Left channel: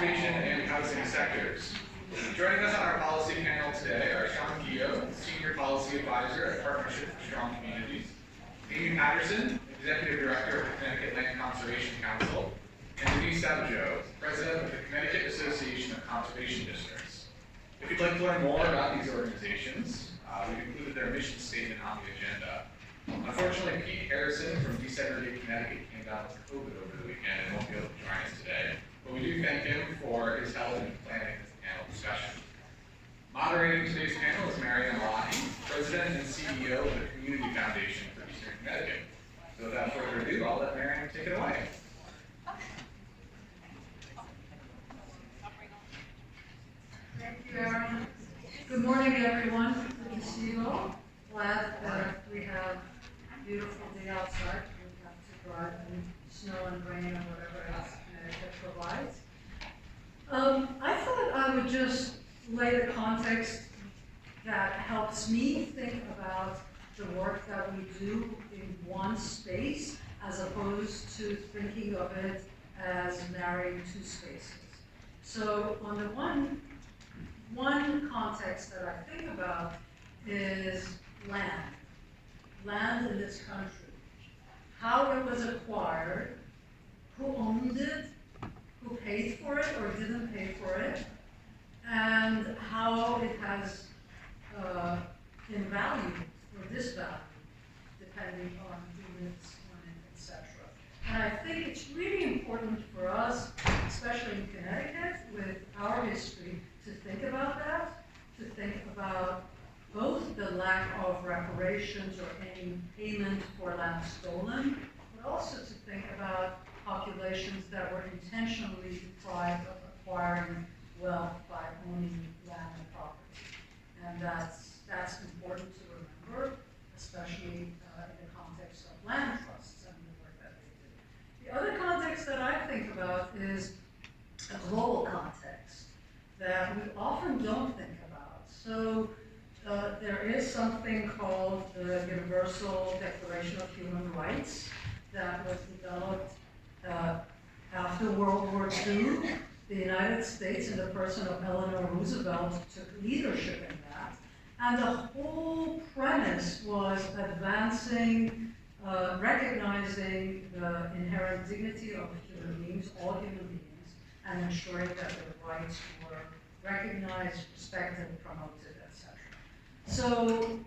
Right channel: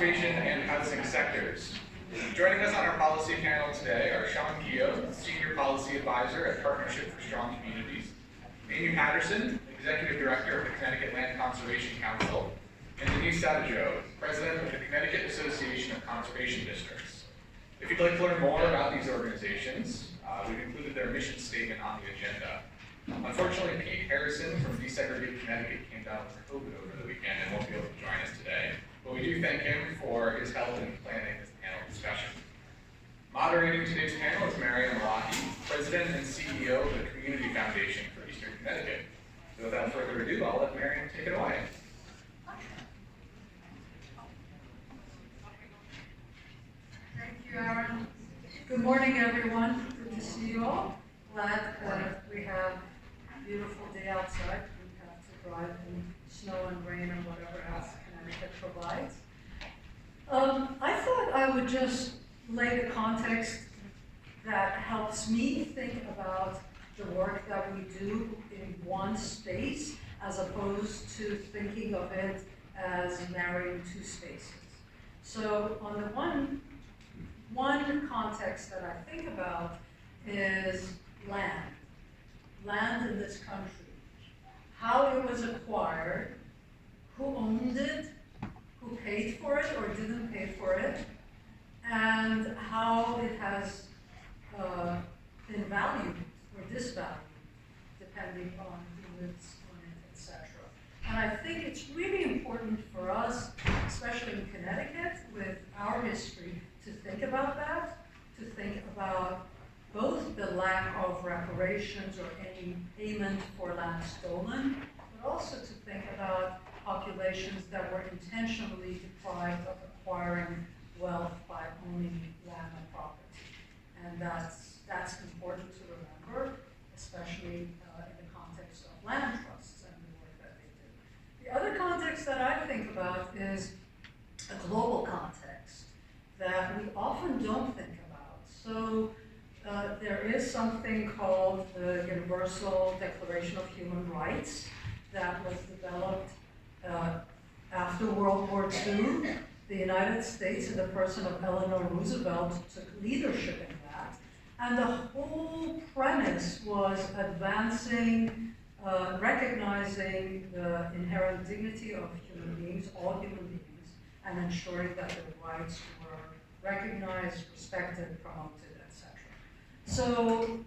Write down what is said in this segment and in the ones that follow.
conservation and housing sectors. Joining us on our policy panel today are Sean Keogh, Senior Policy Advisor at Partnership for Strong Communities, Amy Patterson, Executive Director of the Connecticut Land Conservation Council, and Denise Savageau, President of the Connecticut Association of Conservation Districts. If you'd like to learn more about these organizations, we've included their mission statement on the agenda. Unfortunately, Pete Harrison from Desegregate Connecticut came down with COVID over the weekend and won't be able to join us today, but we do thank him for his help in planning this panel discussion. Moderating today's panel is Marianne Malahi, President and CEO of the Community Foundation for Eastern Connecticut. So without further ado, I'll let Marianne take it away. Thank you, Aaron. Good morning, everyone. Good to see you all. Glad that we have a beautiful day outside. We have to drive in snow and rain and whatever else Connecticut provides. I thought I would just lay the context that helps me think about the work that we do in one space as opposed to thinking of it as narrowing two spaces. So on the one context that I think about is land in this country, how it was acquired, who owned it, who paid for it or didn't pay for it, and how it has been valued or disvalued depending on who lives on it, etc. And I think it's really important for us, especially in Connecticut, with our history, to think about that, to think about both the lack of reparations or any payment for land stolen, but also to think about populations that were intentionally deprived of acquiring wealth by owning land and property. And that's important to remember, especially in the context of land trusts and the work that they do. The other context that I think about is a global context that we often don't think about. So there is something called the Universal Declaration of Human Rights that was developed after World War II. The United States, in the person of Eleanor Roosevelt, took leadership in that. And the whole premise was advancing, recognizing the inherent dignity of human beings, all human beings, and ensuring that their rights were recognized, respected, promoted, etc. So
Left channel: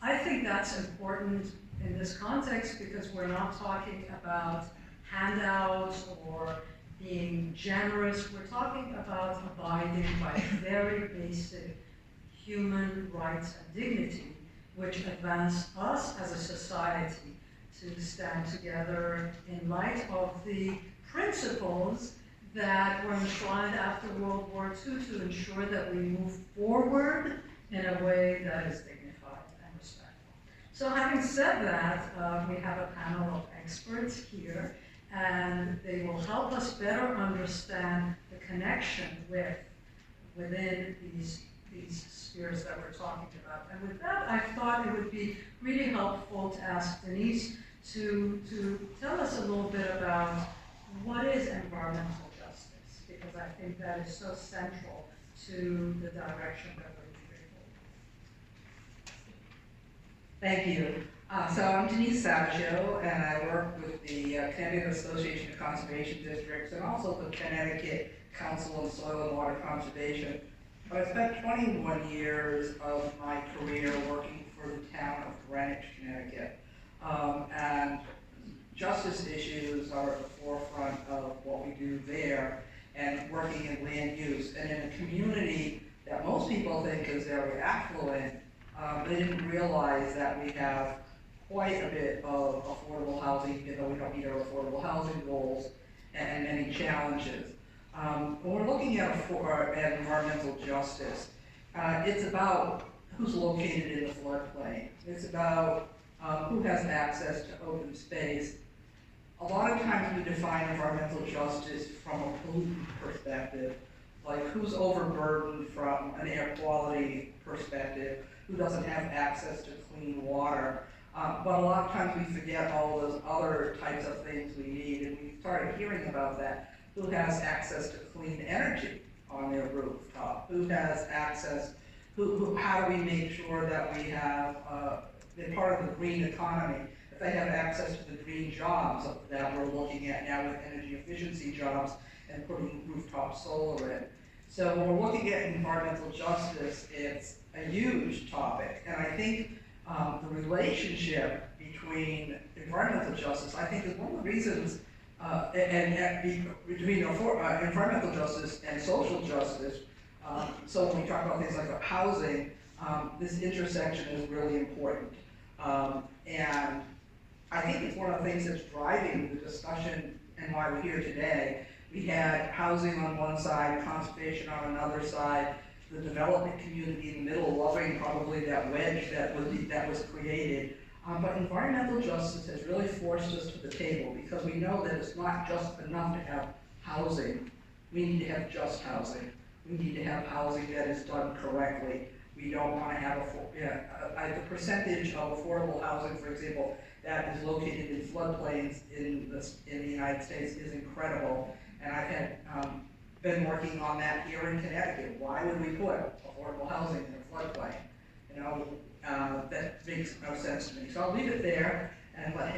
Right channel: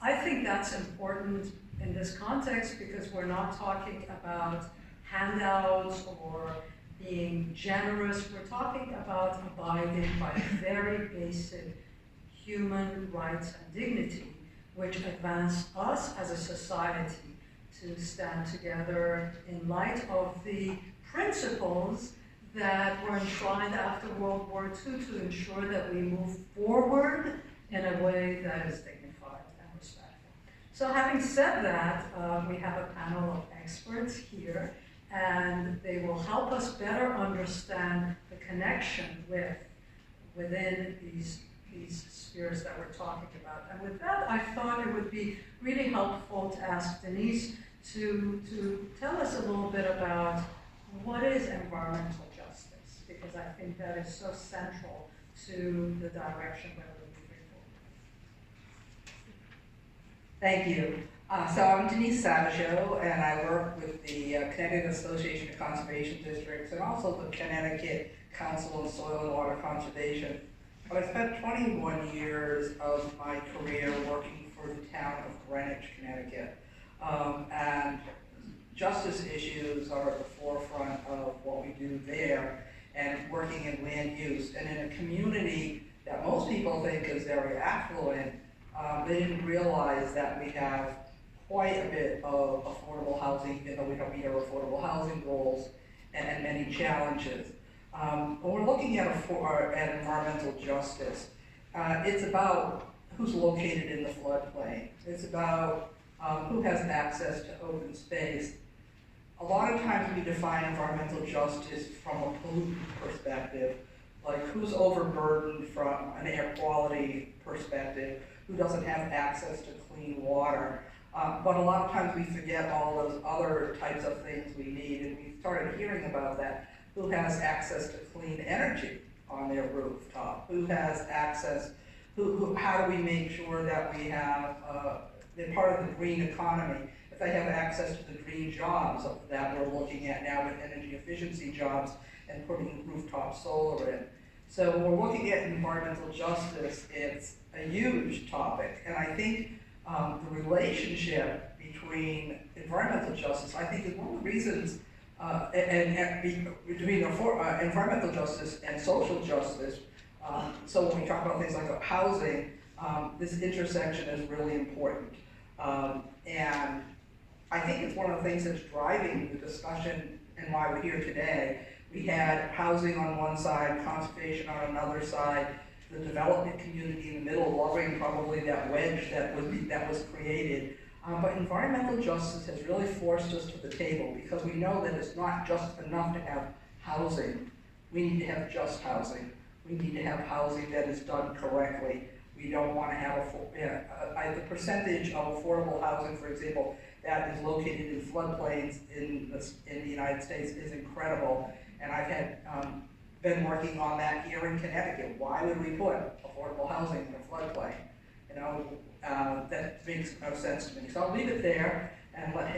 I think that's important in this context because we're not talking about handouts or being generous. We're talking about abiding by very basic human rights and dignity, which advance us as a society to stand together in light of the principles that were enshrined after World War II to ensure that we move forward in a way that is dignified and respectful. So having said that, we have a panel of experts here, and they will help us better understand the connection within these spheres that we're talking about. And with that, I thought it would be really helpful to ask Denise to tell us a little bit about what is environmental justice, because I think that is so central to the direction that we're moving forward. Thank you. So I'm Denise Savageau, and I work with the Connecticut Association of Conservation Districts and also the Connecticut Council on Soil and Water Conservation. I spent 21 years of my career working for the town of Greenwich, Connecticut. And justice issues are at the forefront of what we do there and working in land use. And in a community that most people think is very affluent, they didn't realize that we have quite a bit of affordable housing, even though we don't meet our affordable housing goals, and many challenges. When we're looking at environmental justice, it's about who's located in the floodplain. It's about who has access to open space. A lot of times we define environmental justice from a pollutant perspective, like who's overburdened from an air quality perspective, who doesn't have access to clean water. But a lot of times we forget all those other types of things we need, and we started hearing about that. who has access to clean energy on their rooftop, who has access, how do we make sure that we have, they're part of the green economy, if they have access to the green jobs that we're looking at now with energy efficiency jobs and putting rooftop solar in. So when we're looking at environmental justice, it's a huge topic, and I think the relationship between environmental justice, I think, is one of the reasons, between environmental justice and social justice. So when we talk about things like housing, this intersection is really important. And I think it's one of the things that's driving the discussion and why we're here today. We had housing on one side, conservation on another side, the development community in the middle, loving probably that wedge that was created. But environmental justice has really forced us to the table because we know that it's not just enough to have housing. We need to have just housing. We need to have housing that is done correctly. We don't want to have the percentage of affordable housing, for example, that is located in floodplains in the United States is incredible. And I've had been working on that here in Connecticut. Why would we put affordable housing in a floodplain? You know, that makes no sense to me. So I'll leave it there and let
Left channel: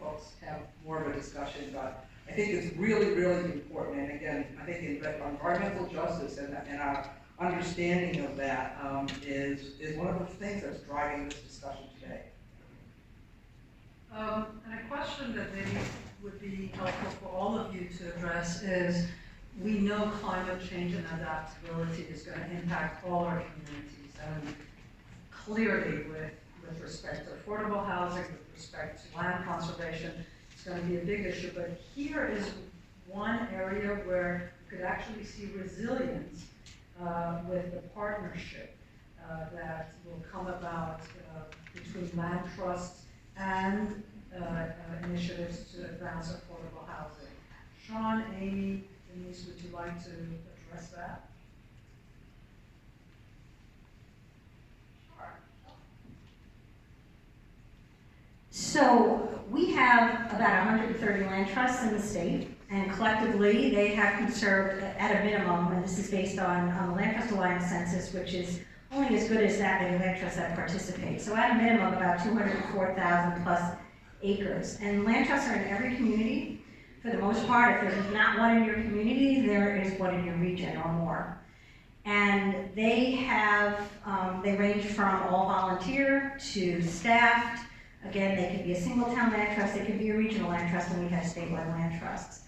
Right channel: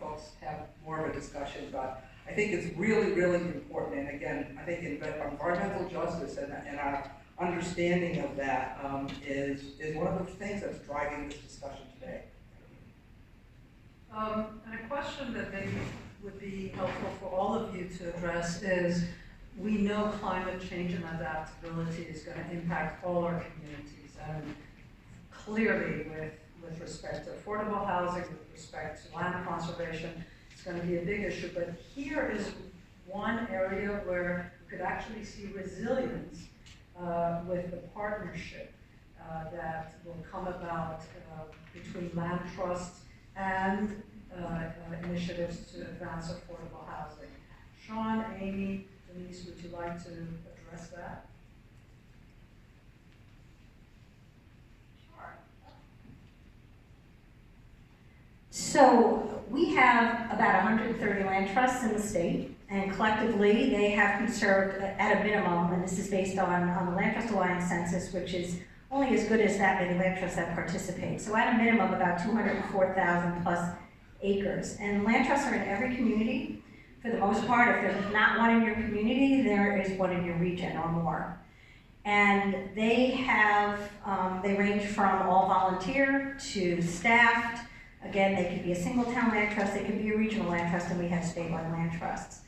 folks have more of a discussion. But I think it's really, really important. And again, I think environmental justice and our understanding of that is one of the things that's driving this discussion today. And a question that maybe would be helpful for all of you to address is, we know climate change and adaptability is going to impact all our communities, and clearly with respect to affordable housing, with respect to land conservation, it's going to be a big issue. But here is one area where you could actually see resilience with the partnership that will come about between land trusts and initiatives to advance affordable housing. Sean, Amy, Denise, would you like to address that? So we have about 130 land trusts in the state, and collectively they have conserved at a minimum, and this is based on the Land Trust Alliance census, which is only as good as that many land trusts that participate. So at a minimum, about 204,000 plus acres. And land trusts are in every community. For the most part, if there's not one in your community, there is one in your region or more. And they have, they range from all volunteer to staffed. Again, they can be a single town land trust, they can be a regional land trust, and we have statewide land trusts.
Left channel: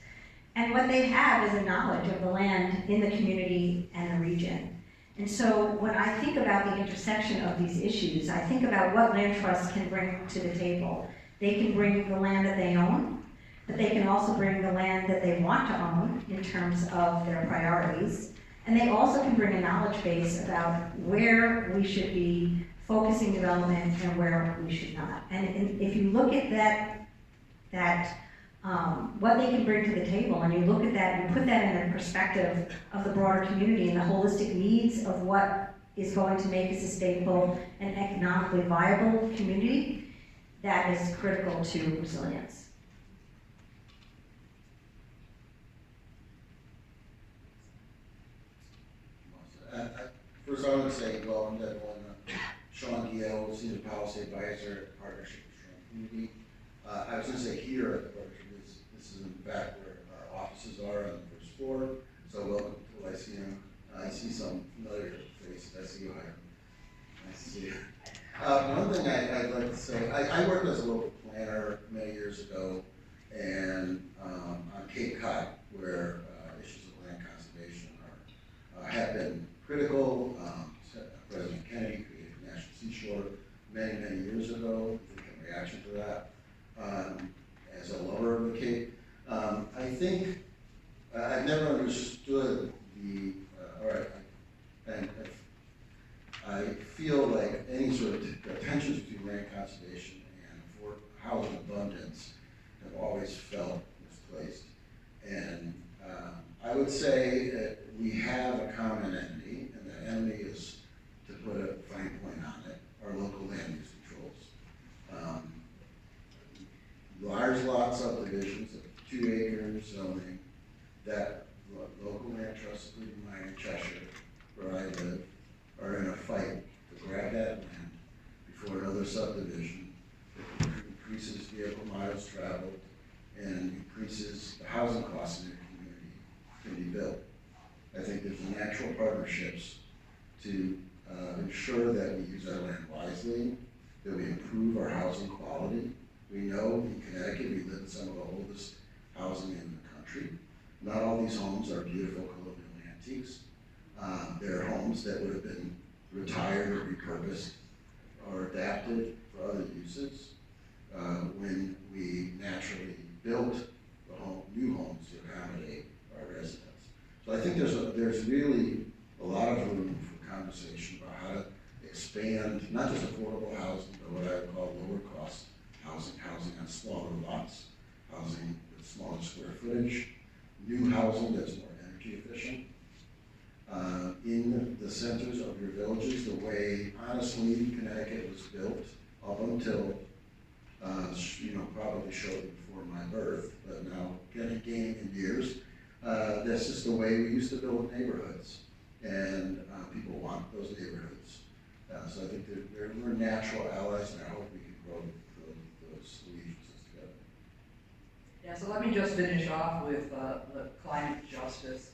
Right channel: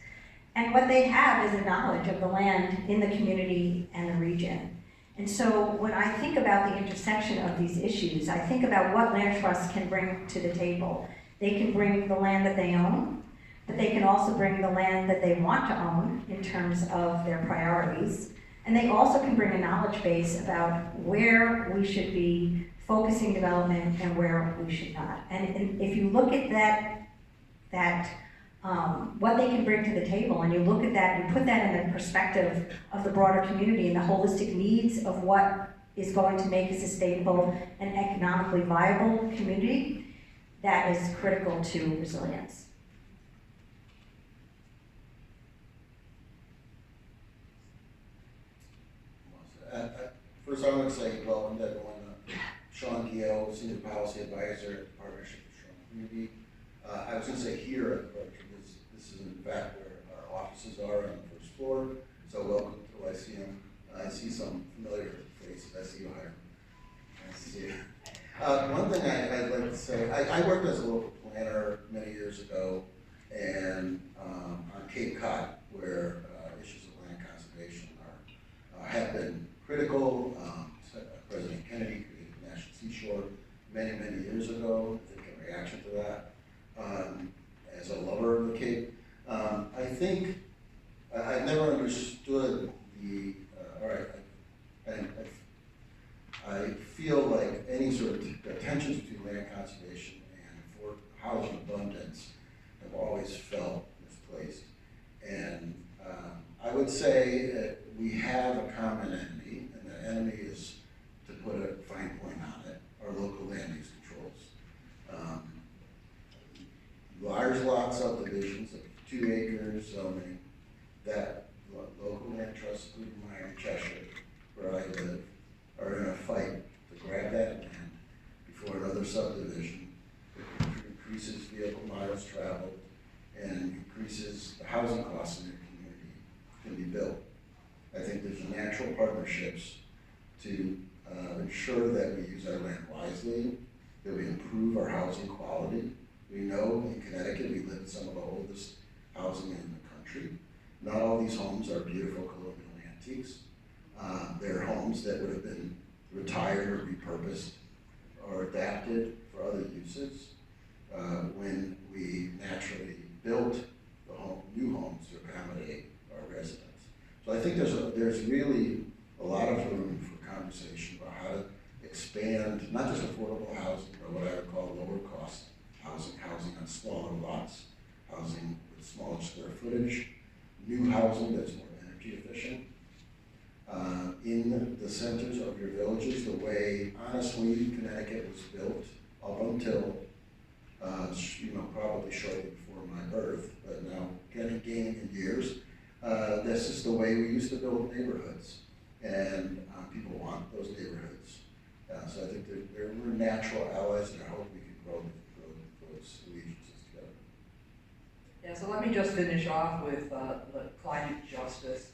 And what they have is a knowledge of the land in the community and the region. And so when I think about the intersection of these issues, I think about what land trusts can bring to the table. They can bring the land that they own, but they can also bring the land that they want to own in terms of their priorities. And they also can bring a knowledge base about where we should be focusing development and where we should not. And if you look at what they can bring to the table, and you look at that, you put that in the perspective of the broader community and the holistic needs of what is going to make a sustainable and economically viable community, that is critical to resilience. First, I want to say welcome to everyone. Sean Gill, Senior Policy Advisor at the Partnership for Strong Community. I was going to say here at the Partnership, this is in fact where our offices are on the first floor. So welcome to Lyceum. I see some familiar faces. I see you, Hiram. Nice to see you. One thing I'd like to say, I worked as a local planner many years ago, and on Cape Cod, where issues of land conservation have been critical. President Kennedy created the National Seashore many, many years ago, I think in reaction to that. As a lover of the Cape, I think I've never understood I feel like any sort of tensions between land conservation and for housing abundance have always felt misplaced. And I would say that we have a common enemy, and the enemy is, to put a fine point on it, our local land use controls. Large lot subdivisions of 2 acres zoning to ensure that we use our land wisely, that we improve our housing quality. We know in Connecticut we live in some of the oldest housing in the country. Not all these homes are beautiful colonial antiques. They're homes that would have been retired or repurposed or adapted for other uses when we naturally built the new homes to accommodate our residents. So I think there's really a lot of room for conversation about how to expand not just affordable housing, but what I would call lower cost housing, housing on smaller lots, housing with smaller square footage, new housing that's more energy efficient. In the centers of your villages, the way, honestly, Connecticut was built up until, probably shortly before my birth, but now gaining in years, this is the way we used to build neighborhoods, and people want those neighborhoods. So I think we're natural allies, and I hope we can grow those allegiances together. Yeah, so let me just finish off with the climate justice.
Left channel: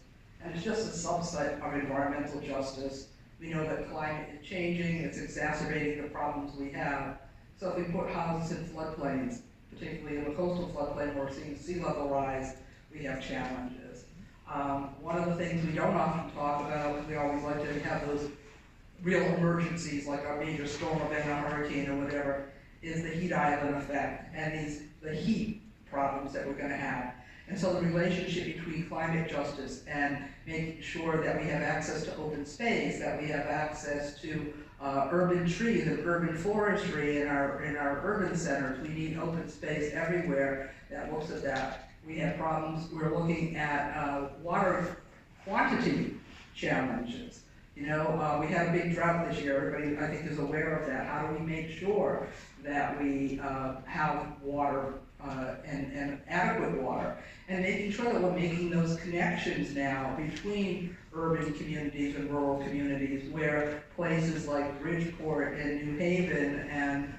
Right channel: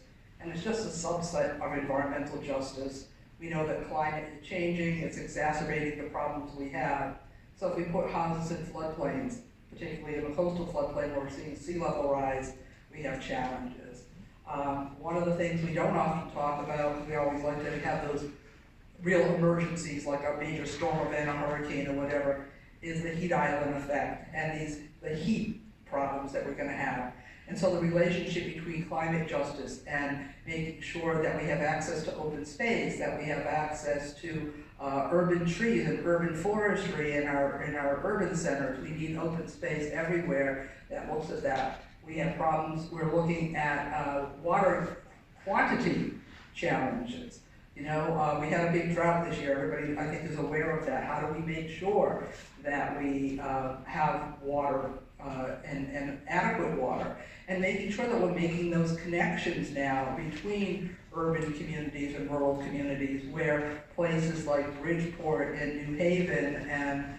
And it's just a subset of environmental justice. We know that climate is changing, it's exacerbating the problems we have. So if we put houses in floodplains, particularly in the coastal floodplain where we're seeing sea level rise, we have challenges. One of the things we don't often talk about, because we always like to have those real emergencies like a major storm event, a hurricane or whatever, is the heat island effect and the heat problems that we're going to have. And so the relationship between climate justice and making sure that we have access to open space, that we have access to urban trees and urban forestry in our urban centers. We need open space everywhere that looks at that. We have problems, we're looking at water quantity challenges. We had a big drought this year. Everybody, I think, is aware of that. How do we make sure that we have water and adequate water? And making sure that we're making those connections now between urban communities and rural communities, where places like Bridgeport and New Haven and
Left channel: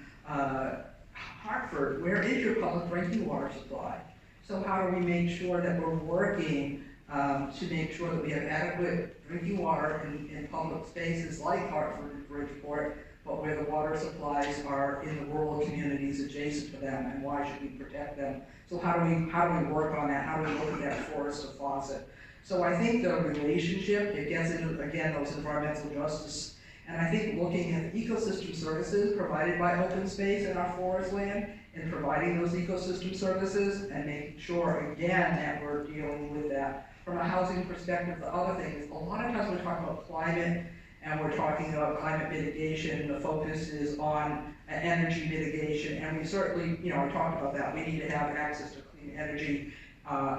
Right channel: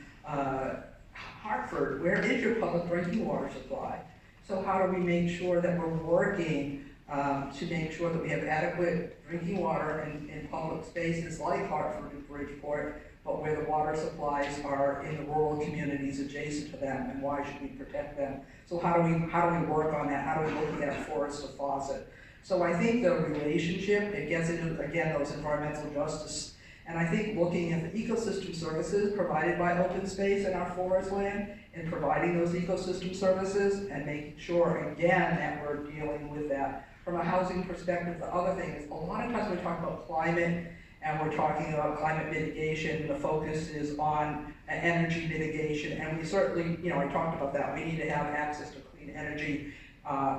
Hartford, where is your public drinking water supply? So how do we make sure that we're working to make sure that we have adequate drinking water in public spaces like Hartford and Bridgeport, but where the water supplies are in the rural communities adjacent to them, and why should we protect them? So how do we work on that? How do we look at forest to faucet? So I think the relationship, it gets into, again, those environmental justice, and I think looking at the ecosystem services provided by open space in our forest land, and providing those ecosystem services, and making sure, again, that we're dealing with that. From a housing perspective, the other thing is, a lot of times we talk about climate, and we're talking about climate mitigation, the focus is on energy mitigation, and we certainly, I talked about that, we need to have access to clean energy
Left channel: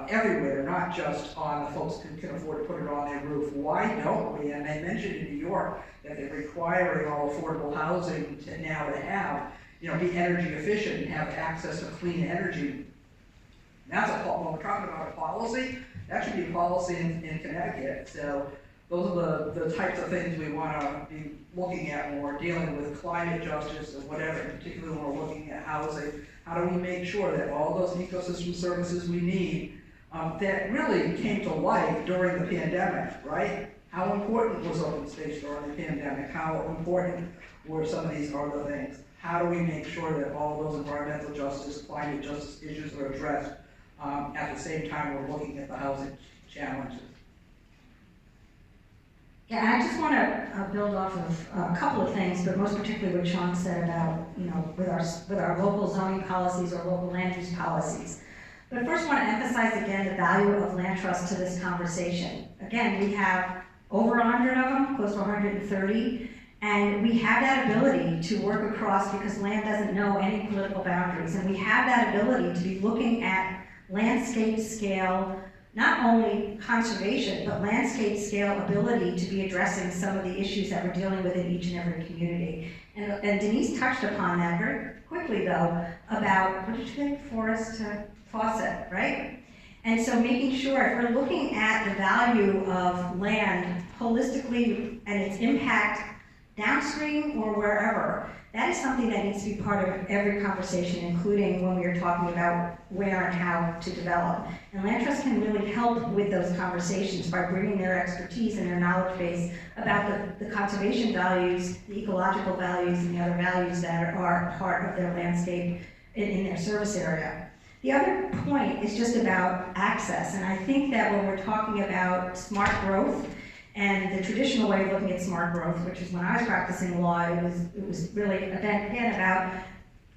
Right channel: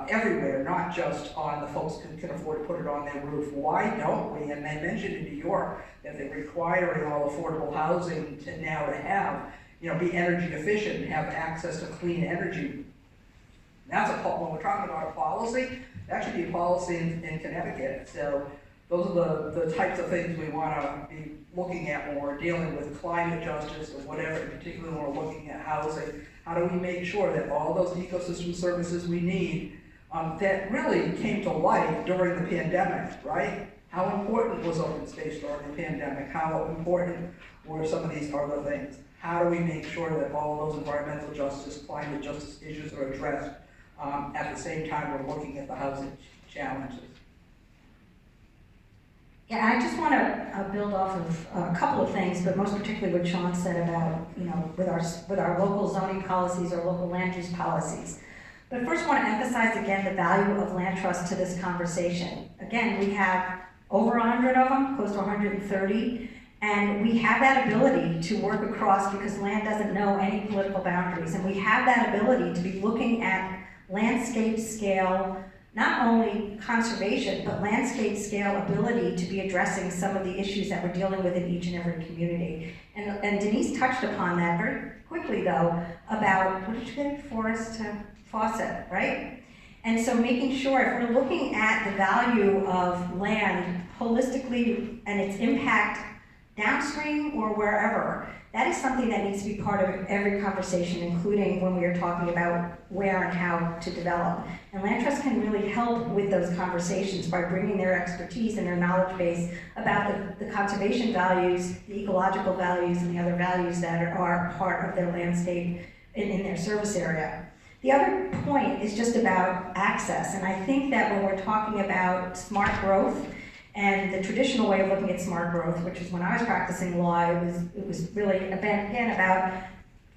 everywhere, not just on the folks who can afford to put it on their roof. Why don't we? And they mentioned in New York that they're requiring all affordable housing to have, be energy efficient and have access to clean energy. That's when we're talking about a policy, that should be a policy in Connecticut. So those are the types of things we want to be looking at when we're dealing with climate justice or whatever, in particular when we're looking at housing. How do we make sure that all those ecosystem services we need that really came to light during the pandemic, right? How important was open space during the pandemic? How important were some of these other things? How do we make sure that all those environmental justice, climate justice issues are addressed at the same time we're looking at the housing challenges? Yeah, I just want to build off of a couple of things, but most particularly what Sean said about, with our local zoning policies or local land use policies. But first I want to emphasize again the value of land trust to this conversation. Again, we have over 100 of them, close to 130, and we have that ability to work across, because land doesn't know any political boundaries, and we have that ability to be looking at landscape scale, not only conservation, but landscape scale ability to be addressing some of the issues that we're dealing with in each and every community. And Denise touched upon that very quickly though, about, what did you say, forest to faucet, right? And so making sure, if we're looking at the value of land holistically and its impact downstream or wherever, that is something that needs to be part of every conversation, including when we are talking about where and how to develop. And land trusts can really help with those conversations by bringing their expertise and their knowledge base about the conservation values, the ecological values, and the other values that are part of their landscape in their service area. The other point is just about access, and I think that when we're talking about smart growth, and the traditional way of looking at smart growth, which is when I was practicing law, it was really again about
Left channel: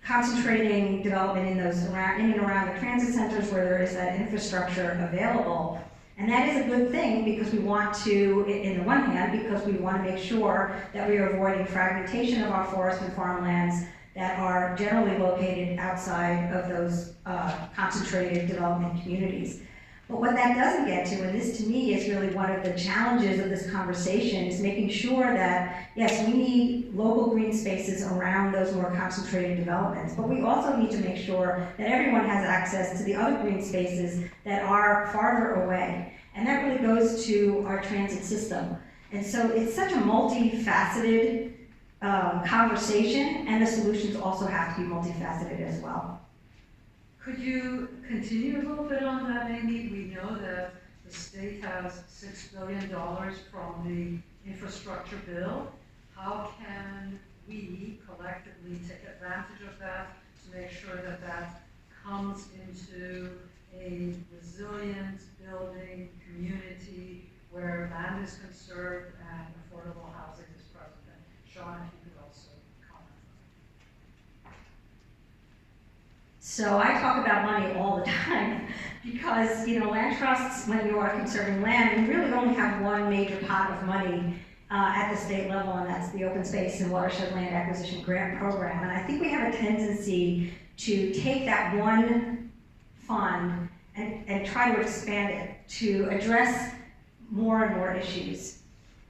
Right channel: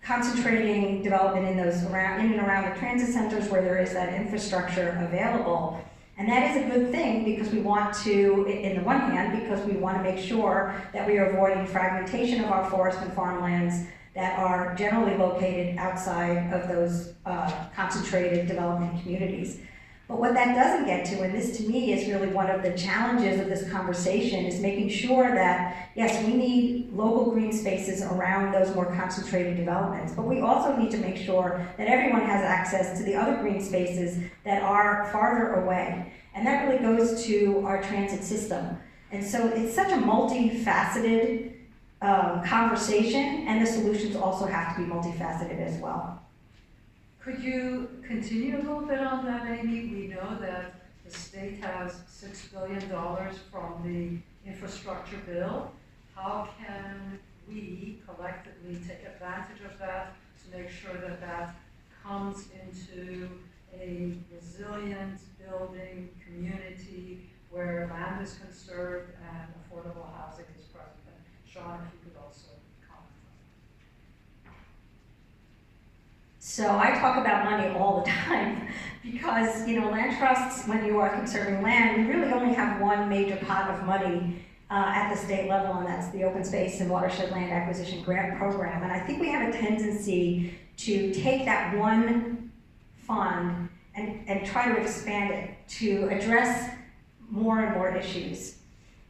concentrating development in and around the transit centers where there is that infrastructure available. And that is a good thing because we want to, in the one hand, because we want to make sure that we are avoiding fragmentation of our forest and farmlands that are generally located outside of those concentrated development communities. But what that doesn't get to, and this to me is really one of the challenges of this conversation, is making sure that, yes, we need local green spaces around those more concentrated developments, but we also need to make sure that everyone has access to the other green spaces that are farther away. And that really goes to our transit system. And so it's such a multifaceted conversation, and the solutions also have to be multifaceted as well. Could you continue a little bit on that, Amy? We know that the state has $6 billion from the infrastructure bill. How can we collectively take advantage of that to make sure that that comes into a resilient building community where land is conserved and affordable housing is present? And Sean, if you could also comment on that. So I talk about money all the time because, land trusts, when you are conserving land, you really only have one major pot of money at the state level, and that's the Open Space and Watershed Land Acquisition Grant Program. And I think we have a tendency to take that one fund and try to expand it to address more and more issues.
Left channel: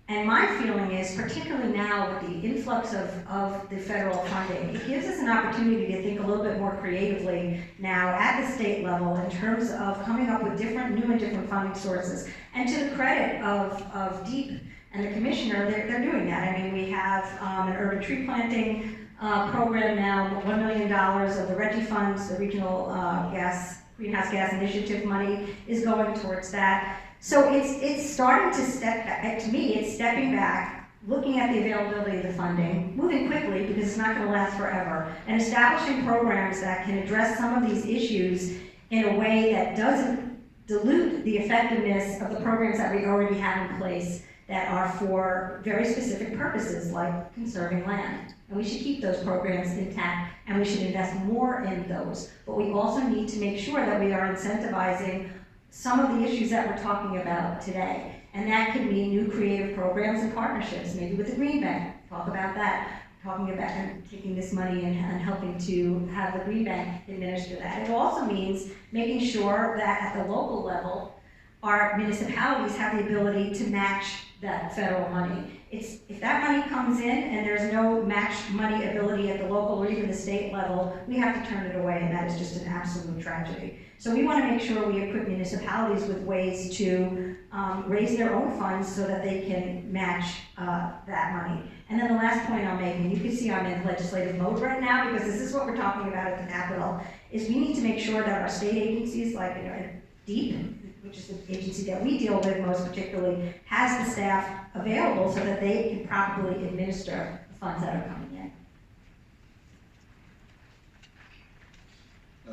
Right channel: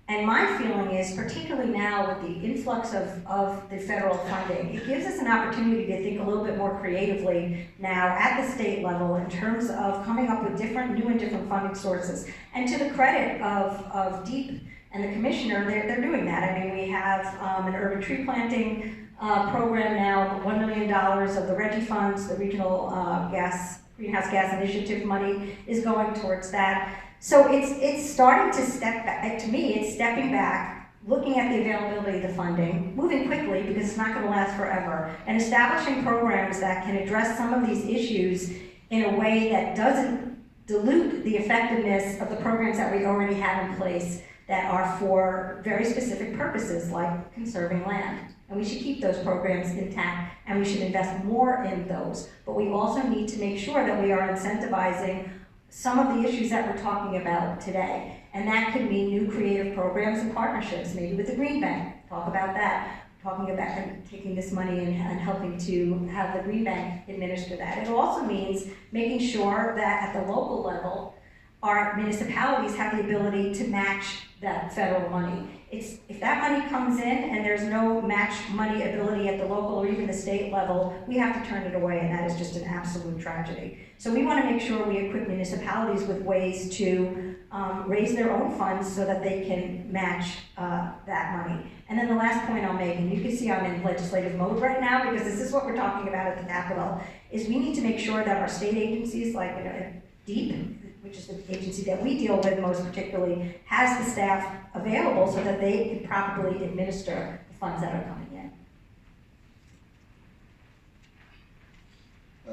And my feeling is, particularly now with the influx of the federal funding, it gives us an opportunity to think a little bit more creatively now at the state level in terms of coming up with new and different funding sources. And to the credit of DEEP and the commissioner, they're doing that. I mean, we have an urban tree planting program now, $1 million of the RENTI funds, the regional greenhouse gas initiative money is going towards that. So it's starting to step back. To me, it's stepping back, looking at the availability of the funding, moving quickly because it's not going to last forever, and establishing programs that can address some of these issues in a way that doesn't dilute the effectiveness of the programs that we already have in place that are for very specific purposes like conserving land. And we should keep those programs intact, and we should invest more in those. But we also need to make sure that we are incentivizing some of the issues that we're talking about today. And that could mean new creative programs and partnerships, maybe with the Green Bank, talk about that, talking about taking this money and helping to have the Green Bank administer that. It also means making sure that at the local level, our municipalities have the ability to match that federal money. If that money comes in and there's no match money ability at the local or even the state level, we have to turn it away, and that is just an absolute tragedy. So we want to make sure we equip municipalities with ways to raise their own funds so that they can match that money. And then the last point I'll make, and you can see I'm in legislative mode right now because this is what we're talking about at the Capitol, is we need to make sure that our state agencies like DEEP, which is the agency that we deal with most particularly, has the staff available so that they can properly administer the funds that are coming in.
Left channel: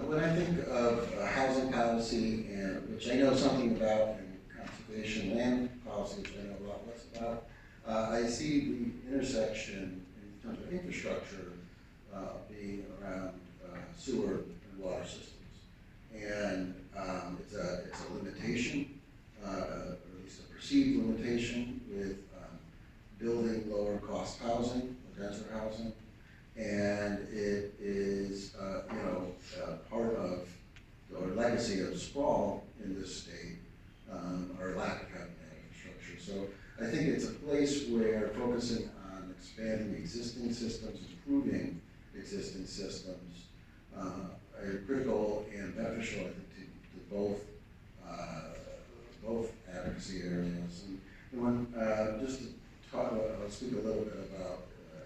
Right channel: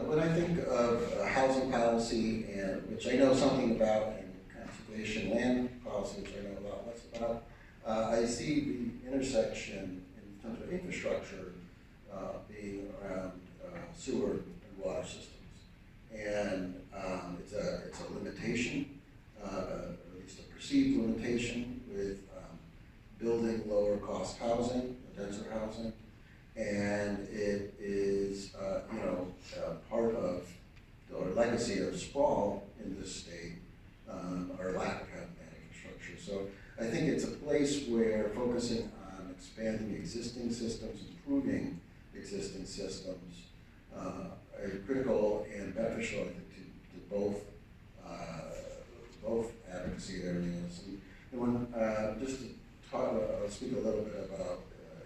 When I think of housing policy, and which I know something about, and conservation land policy, which I know a lot less about, I see the intersection in terms of infrastructure being around sewer and water systems. And it's a limitation, or at least a perceived limitation with building lower cost housing, denser housing. And it is, part of our legacy of sprawl in this state, our lack of having that infrastructure. So I think it's a place where focusing on expanding existing systems, improving existing systems, are critical and beneficial, I think, to both advocacy areas. And when, just to speak a little bit about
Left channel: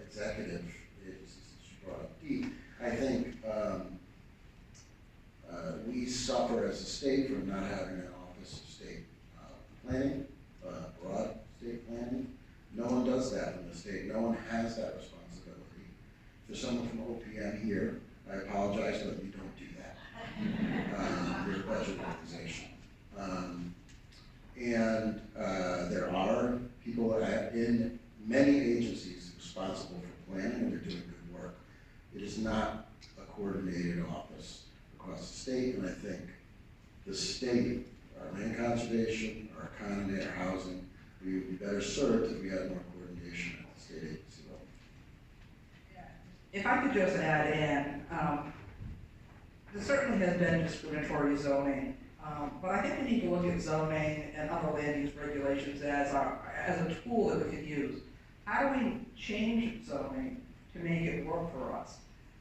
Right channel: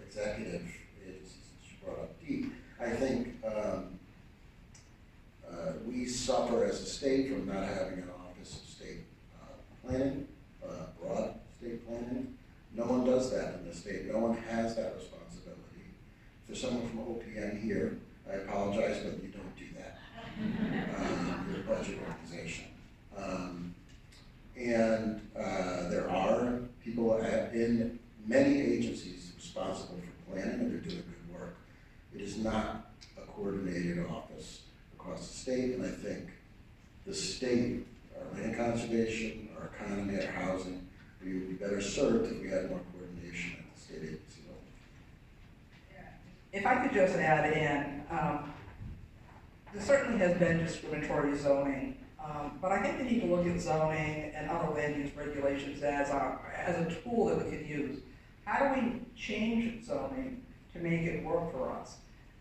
executive agencies that you brought up. Pete, I think we suffer as a state from not having an office of state planning, broad state planning. No one does that in the state. No one has that responsibility. For someone from OPM here, I apologize, but you don't do that. You're a budget organization. There are people in many agencies responsible for planning, and they're doing good work. It is not a coordinated office across the state, and I think the state, our land conservation, our economy, our housing, we would be better served if we had more coordination at the state agency level. If I could just add in, there certainly has been discriminatory zoning, but I think we need to look at zoning and other land use regulations as a tool that we could use. How do we change zoning to make it work for us?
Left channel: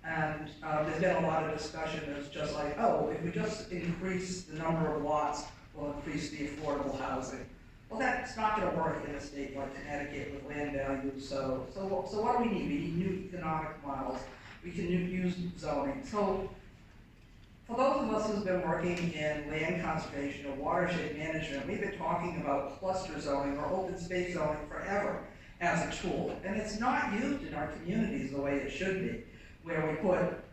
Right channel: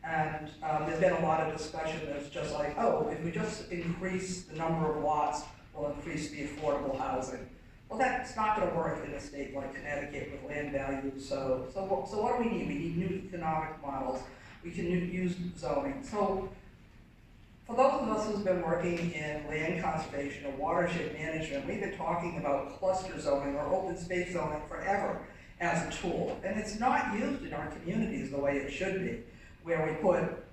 And there's been a lot of discussion that's just like, oh, if we just increase the number of lots, we'll increase the affordable housing. Well, that's not going to work in a state like Connecticut with land values. So what do we need? We need new economic models. We can use zoning. So for those of us who've been working in land conservation or watershed management, we've been talking about cluster zoning or open space zoning forever as a tool. And it's not used in our communities the way it should be, where we put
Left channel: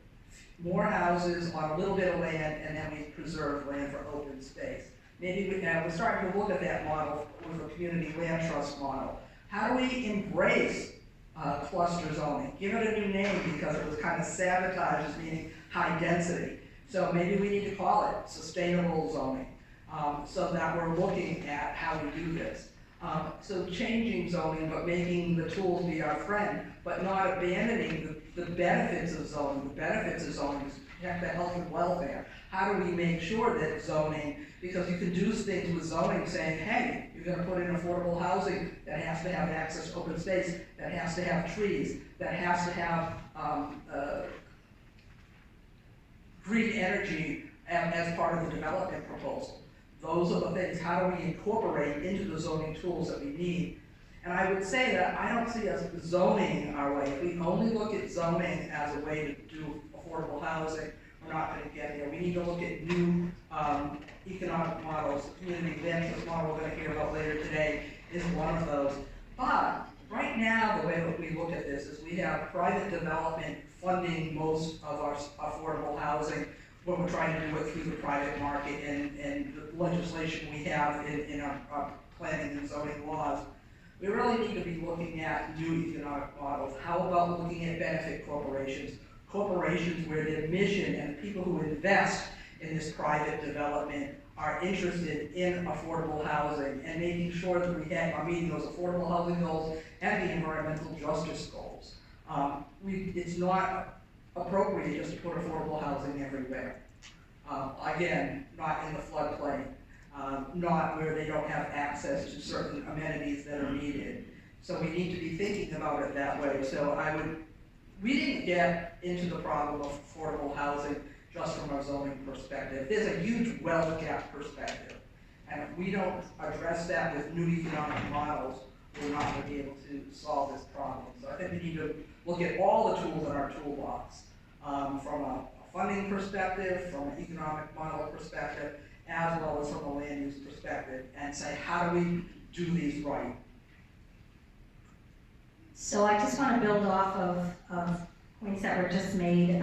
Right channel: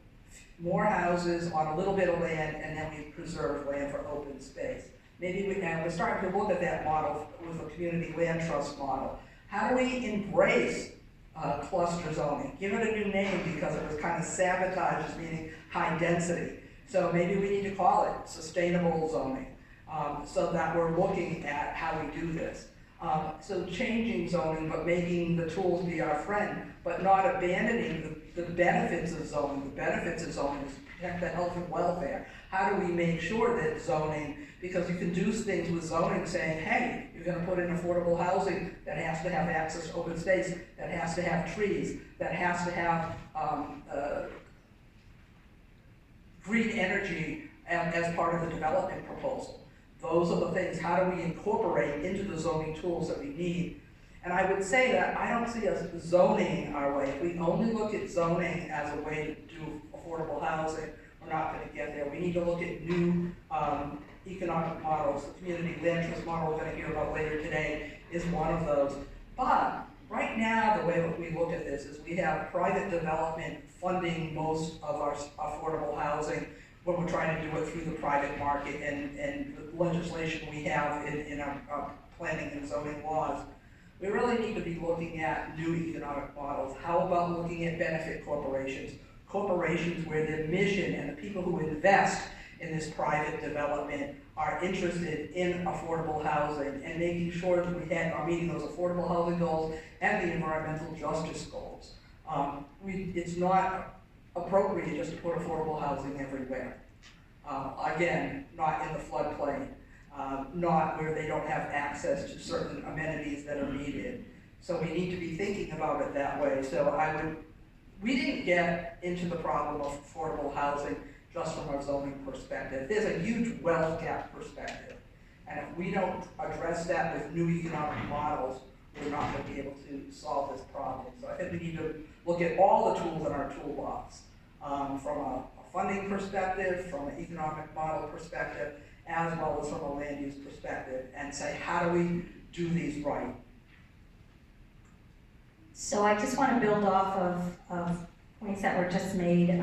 more houses on a little bit of land and then we preserve land for open space. Maybe we're starting to look at that model with a community land trust model. How do we embrace cluster zoning? Give it a new name because it was kind of sabotaged as meaning high density. So maybe we need to call it sustainable zoning, so that we're looking at how we do this. So changing zoning, but making the tools be our friend, but not abandoning the benefits of zoning. The benefits of zoning is to protect the health and welfare. How do we make sure that zoning, because you can do things with zoning saying, hey, you're gonna put in affordable housing that has to have access to open space, that has to have trees, that has to have green energy as part of the development proposal. Those are the things, how do we incorporate into the zoning tools that we need? And I would say that I don't see us zoning our way. If we only look at zoning as a way to do affordable housing, we're not going to get there. We need to look at new economic models. The community land trust model we're going to hear about later today is one of those. But right now, the way that we look at this is we have private development funding most of our affordable housing when we're trying to do it through the private market and the legislation we have in our planning and zoning laws. We really need to be looking at new economic models. How about looking at benefit corporations? Corporations where their mission and the people who invest in this private development are interested in affordable housing and making sure that we are meeting those affordable housing goals and the environmental justice goals. It's not appropriate just to put affordable housing everywhere. Again, not in the floodplain, not where they don't have access to certain amenities that are needed. So we need to be thinking about it that way. So we didn't get into the problem of affordable housing just from a zoning perspective. There's a huge wealth gap perspective. And if we don't address that with new economic models, we're not going to be able to solve this problem. So I think we need to look at all the tools in our toolbox, from a funding perspective, from an economic model perspective, as well as from a land use perspective, and say, how do we do these right? So I just want to build off of points that were just made.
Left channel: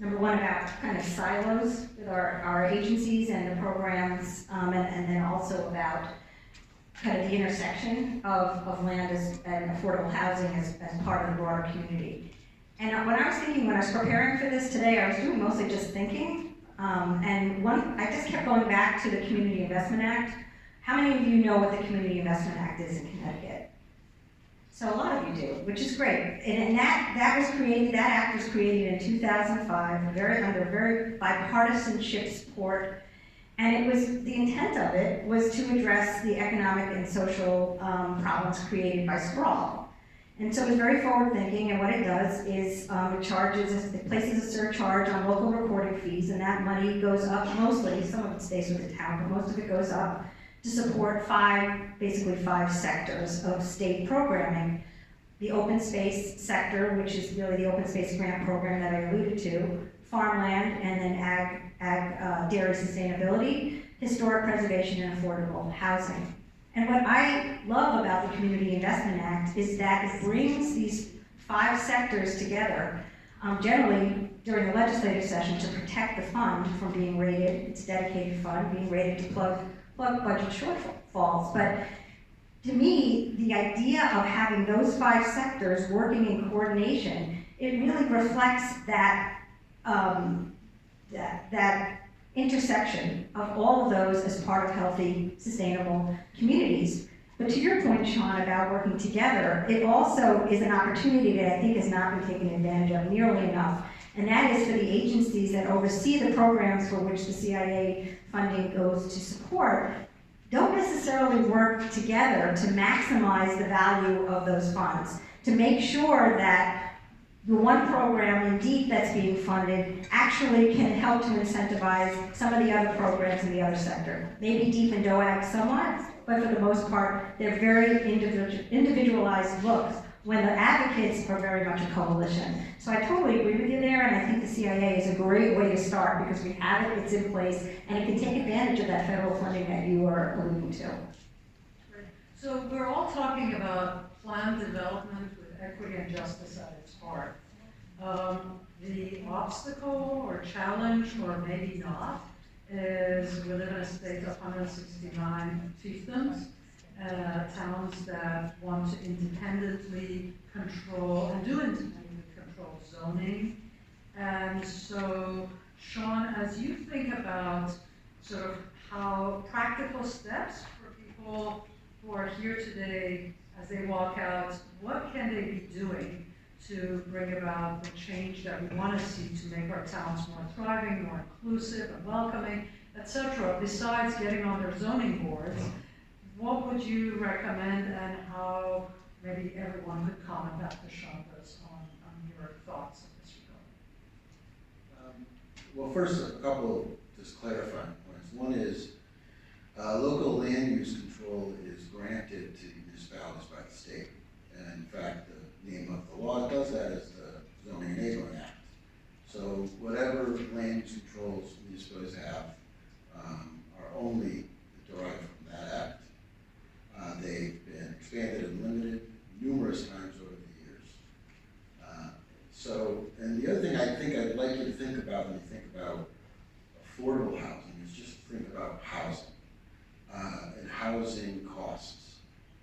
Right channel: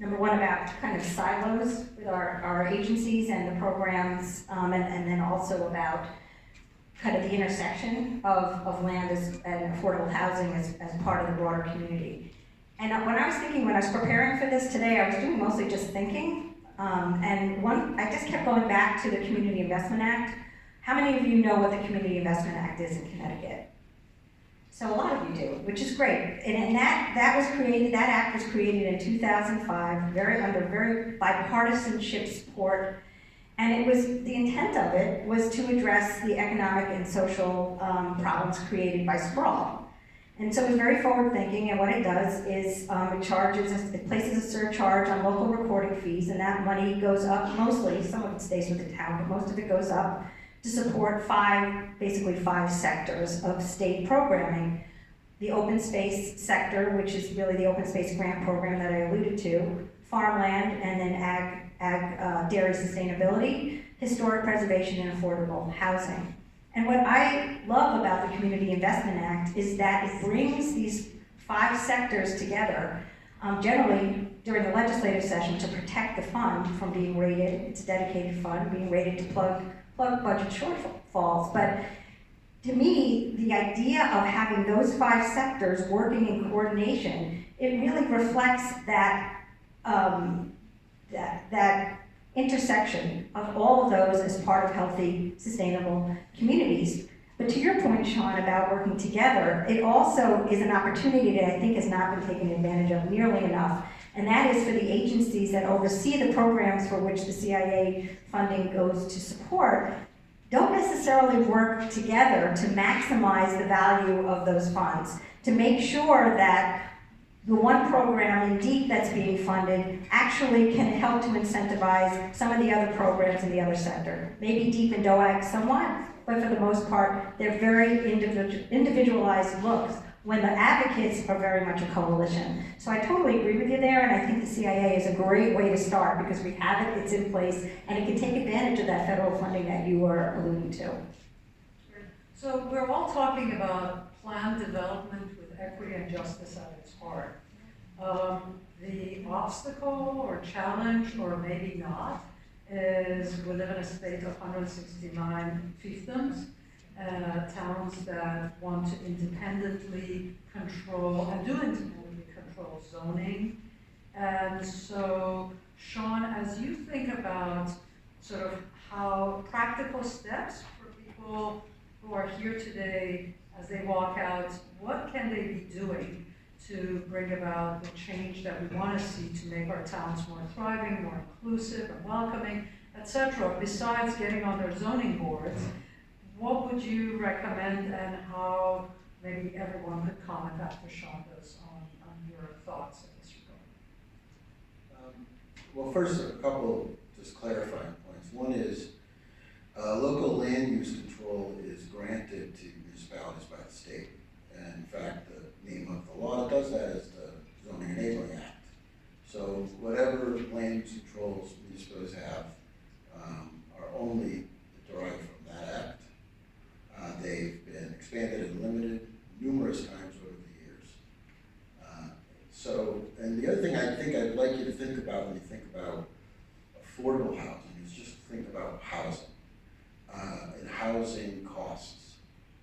Number one, about kind of silos with our agencies and the programs, and then also about kind of the intersection of land and affordable housing as part of the broader community. And when I was preparing for this today, I was doing mostly just thinking, I just kept going back to the Community Investment Act. How many of you know what the Community Investment Act is in Connecticut? So a lot of you do, which is great. And that act was created in 2005, under very bipartisanship support. And the intent of it was to address the economic and social problems created by sprawl. And so it's very forward thinking, and what it does is it places a surcharge on local recording fees, and that money goes up mostly, some of it stays with the town, but most of it goes up to support basically five sectors of state programming. The open space sector, which is really the open space grant program that I alluded to, farmland, and then dairy sustainability, historic preservation, and affordable housing. And what I love about the Community Investment Act is that it brings these five sectors together, generally during the legislative session, to protect the fund from being rated, it's a dedicated fund, being rated to plug budget shortfalls. But to me, the idea of having those five sectors working in coordination, it really reflects that that intersection of all of those as part of healthy, sustainable communities. But to your point, Sean, about working together, it also is an opportunity that I think has not been taken advantage of nearly enough, and that is for the agencies that oversee the programs for which the CIA funding goes to support, don't necessarily work together to maximize the value of those funds, to make sure that the one program in DEEP that's being funded actually can help to incentivize some of the other programs in the other sector. Maybe DEEP and DOAG somewhat, but for the most part, they're very individualized looks when the advocates are very much a coalition. So I totally agree with you there, and I think the CIA is a great way to start because we have it, it's in place, and it can take advantage of that federal funding that you were alluding to. So we're all talking about planned development with equity and justice at its heart. The obstacle or challenge, or maybe not, is we live in a state of 169 fiefdoms, towns that want to independently control, and do independently control zoning. And so, Sean, as you think about sort of how practical steps for people who are here today, as they walk out, what can they be doing to bring about the change that we want to see to make our towns more thriving, more inclusive and welcoming, etc., besides getting on their zoning boards? What would you recommend, and how maybe everyone could comment after Sean does on your thoughts in this regard? Well, first, a couple just clarifying points. One is local land use control is granted to municipalities by the state. And in fact, the name of the law that does that is the Zoning Enabling Act. So whatever land use controls municipalities have are only derived from that act. They've been expanded and limited numerous times over the years. And the other thing I think I'd like you to think about when you think about affordable housing is just think about housing and housing costs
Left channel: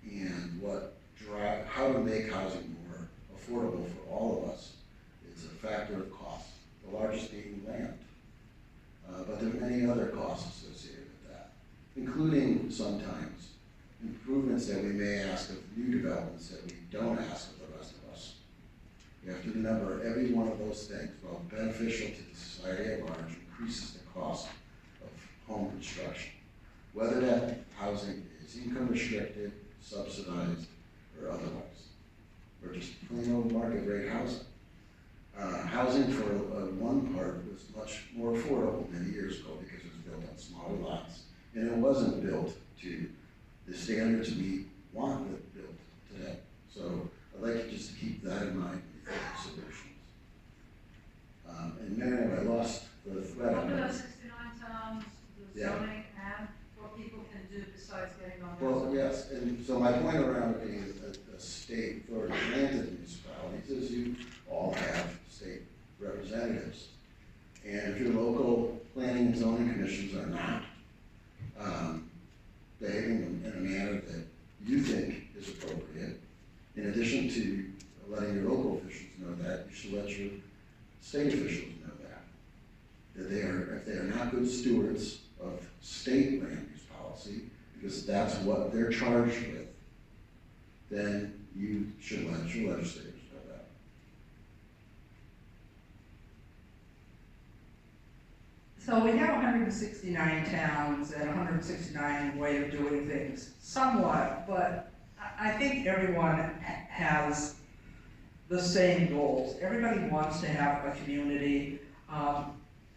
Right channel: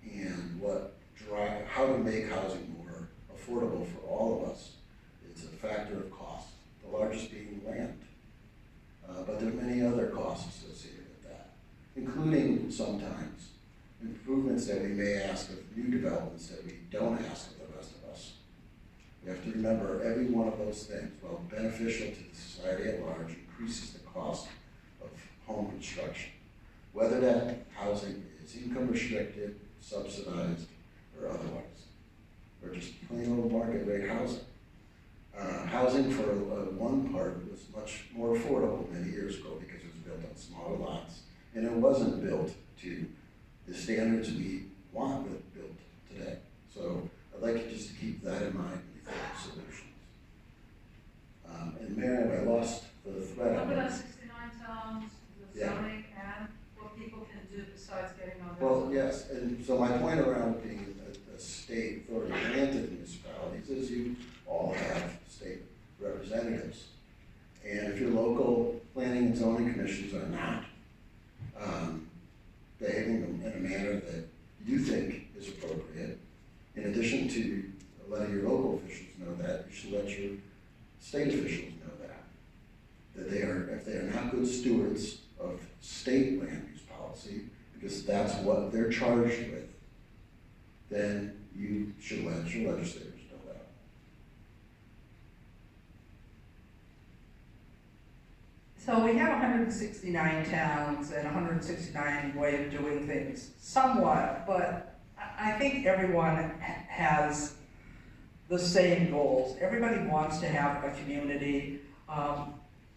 and how to make housing more affordable for all of us. It's a factor of cost, the largest being land. But there are many other costs associated with that, including sometimes improvements that we may ask of new developments that we don't ask of the rest of us. You have to remember every one of those things, while beneficial to the society at large, increases the cost of home construction. Whether that housing is income restricted, subsidized, or otherwise, or just plain old market rate housing. Housing for one part was much more affordable many years ago because it was built on smaller lots, and it wasn't built to the standards we want built today. So I'd like you just to keep that in mind when you think of solutions. And Miriam, I lost the thread. 169 towns, the zoning, and what people can do besides getting on their Well, zoning. yes, and so my point around being a state authority granted municipalities is you all have state representatives. And if your local planning and zoning commissions are not behaving in a manner that you think is appropriate, in addition to letting your local officials know that, you should let your state officials know that if they are not good stewards of state land use policy, because that's what they're charged with, then you should let your legislators know that. So we have 169 towns and 169 way of doing things, somewhat, but I think everyone has the same goals. Everybody wants to have a community,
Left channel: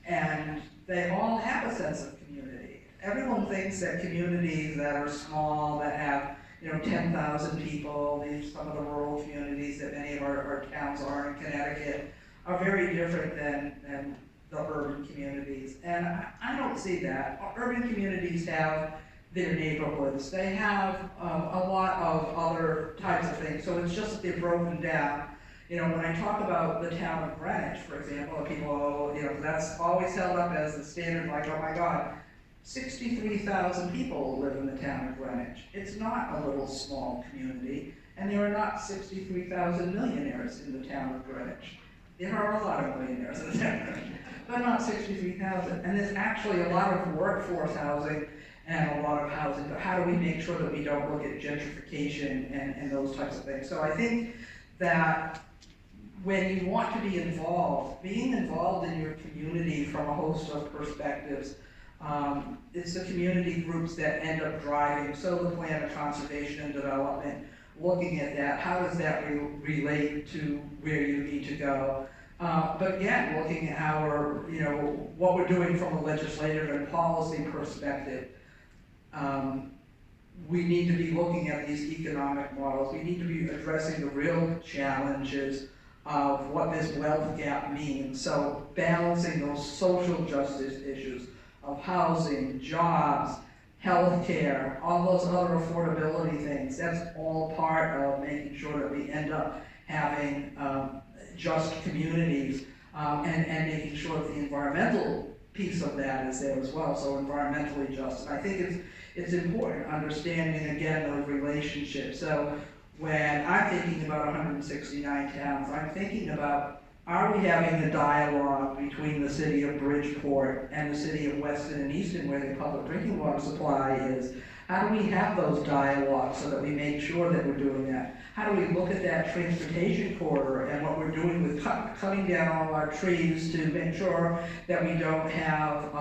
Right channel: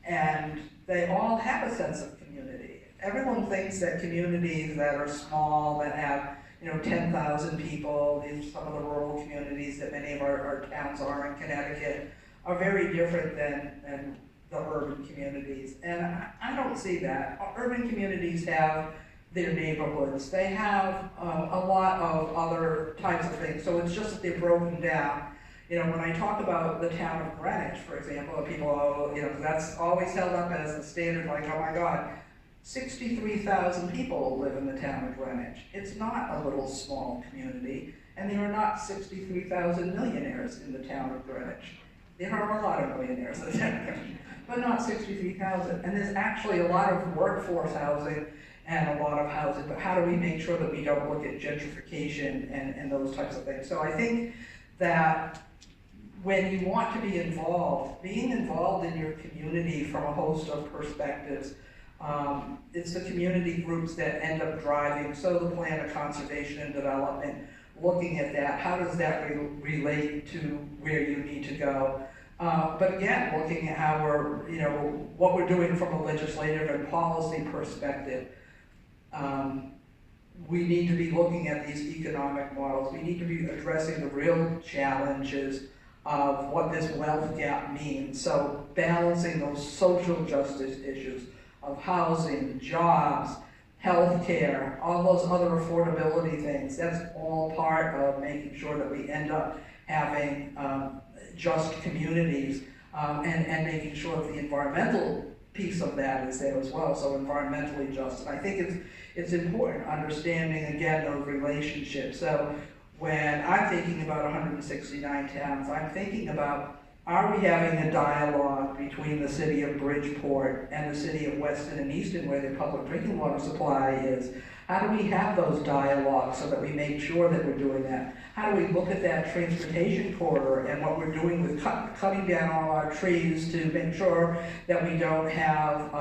and they all have a sense of community. everyone thinks that communities that are small, that have, 10,000 people, some of the rural communities that many of our towns are in Connecticut, are very different than the urban communities. And I don't see that. Urban communities have their neighborhoods. They have a lot of other types of things. So it's just that they're broken down. When I talk about the town of Greenwich, for example, people, that's always held up as the standard, like, oh my God, 63,000 people live in the town of Greenwich. It's not a little small community, and there are not 63,000 millionaires in the town of Greenwich. There are a lot of millionaires in the town of Greenwich, but not 63,000. And there's actually a lot of workforce housing and a lot of housing, but how do we make sure that we don't look at gentrification and those types of things? So I think that when you want to be involved, being involved in your community from a host of perspectives, it's the community groups that end up driving, so the plan of conservation and development, looking at that, how does that relate to where you need to go? But again, looking at how we're, what we're doing from a legislative and policy perspective. We need to be looking at these economic models. We need to be addressing the real challenges of what this wealth gap means. So balancing those social justice issues of housing, jobs, healthcare, all those other affordability things. That's all part of making sure that we end up having just communities and making sure that the environmental piece of that is there as well, so environmentally just. And I think it's important understanding, again, those relationships. So when I'm thinking about 169 towns, I'm thinking about, are we having a dialogue between the city of Bridgeport and the city of Weston and Easton, where the public drinking water supply is? How do we have those dialogues so that we make sure that we're doing that? How do we look at that transportation corridor and what we're doing with cutting down all our trees to make sure that we don't have,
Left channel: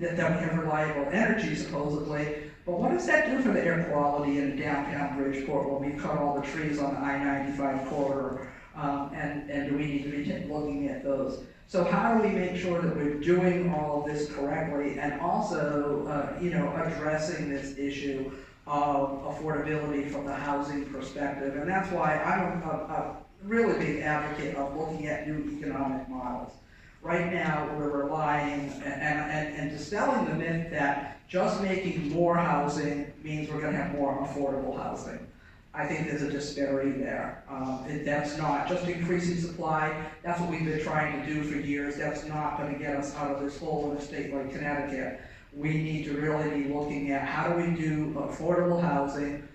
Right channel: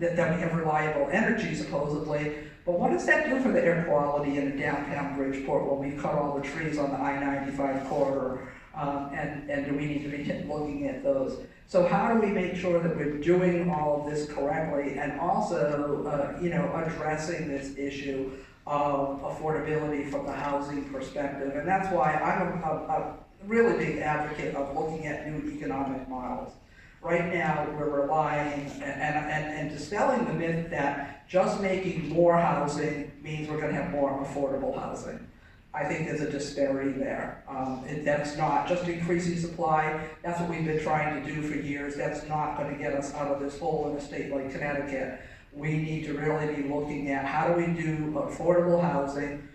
that we have reliable energy, supposedly? But what does that do for the air quality in a downtown Bridgeport when we cut all the trees on the I-95 corridor? And do we need to be looking at those? So how do we make sure that we're doing all of this correctly and also, addressing this issue of affordability from the housing perspective? And that's why I'm a really big advocate of looking at new economic models. Right now, we're relying and dispelling the myth that just making more housing means we're going to have more affordable housing. I think there's a disparity there. That's not just increasing supply. That's what we've been trying to do for years. That's not going to get us out of this hole in a state like Connecticut. We need to really be looking at how do we do affordable housing,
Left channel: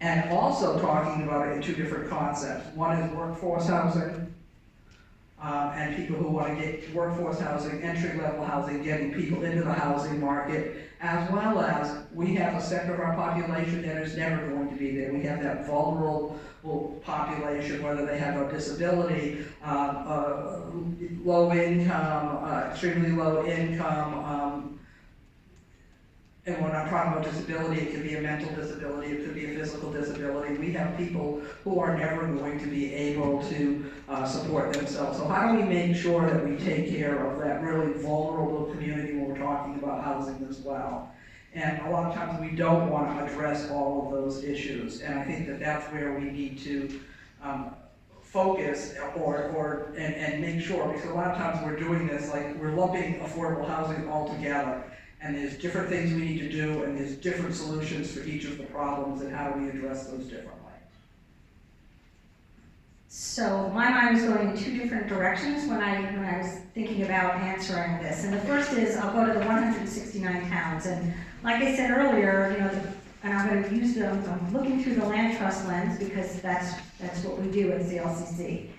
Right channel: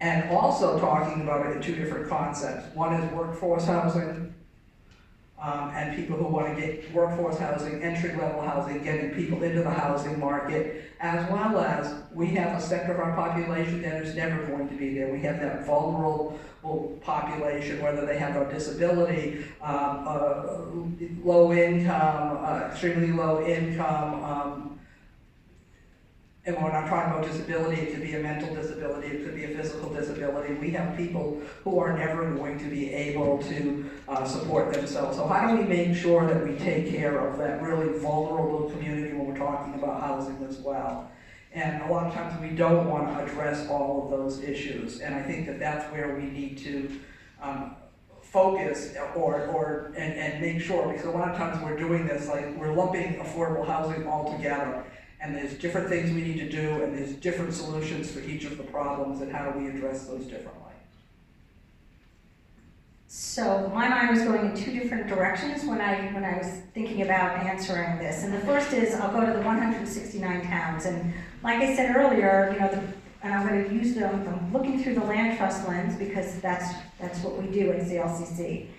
and also talking about it in two different concepts. One is workforce housing, and people who want to get workforce housing, entry-level housing, getting people into the housing market, as well as we have a sector of our population that is never going to be there. We have that vulnerable population, whether they have a disability, low income, extremely low income, and when I'm talking about disability, it could be a mental disability, it could be a physical disability. We have people who are never going to be able to support themselves. So how do we make sure that we take care of that really vulnerable community when we're talking about housing as well? And a lot of times we don't want to address all of those issues. And I think that that's where we need to focus and make sure, because a lot of times we're doing this, like we're lumping affordable housing all together. And there's different things we need to do, and there's different solutions for each of the problems, and how do we address those differently? So my mind was going in two different directions when I was thinking about answering this. And the first is, I'll go to the 169 towns. And like I said earlier, and I'm going to use I'm looking through the land trust lens because that's what we do at CLCC.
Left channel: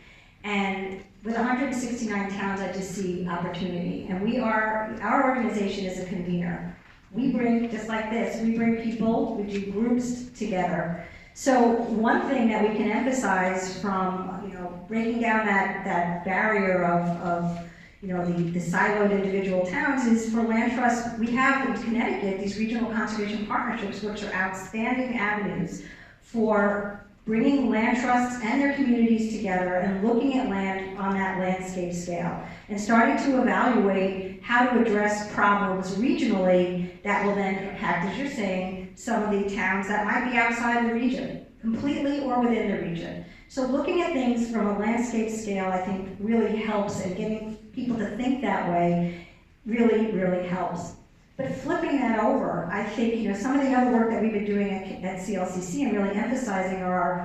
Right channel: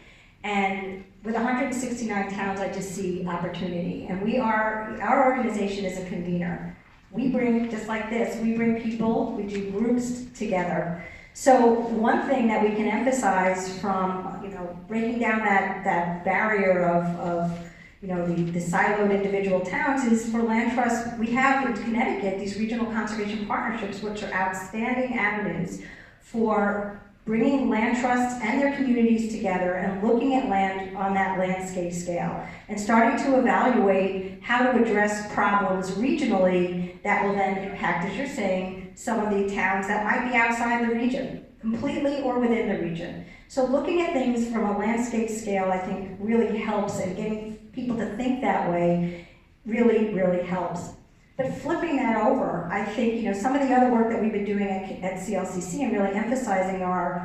And with 169 towns, I just see opportunity. And our organization is a convener. We bring, just like this, we bring people, we do groups together. So one thing that we can emphasize from, breaking down that barrier of the siloed individual towns is for land trust, we have in Connecticut these regional conservation partnerships, which are outstanding avenues for bringing land trusts and their communities together and looking at land on that landscape scale and starting to evaluate how to address problems regionally that will then impact, as you're saying, some of the towns that might be outside the region, completely or within the region. So looking at things from a landscape scale, I think, really helps, and getting people to think that way really, really helps. But flipping that over, I think, some of the other work that we've been doing at CLCC and really emphasizing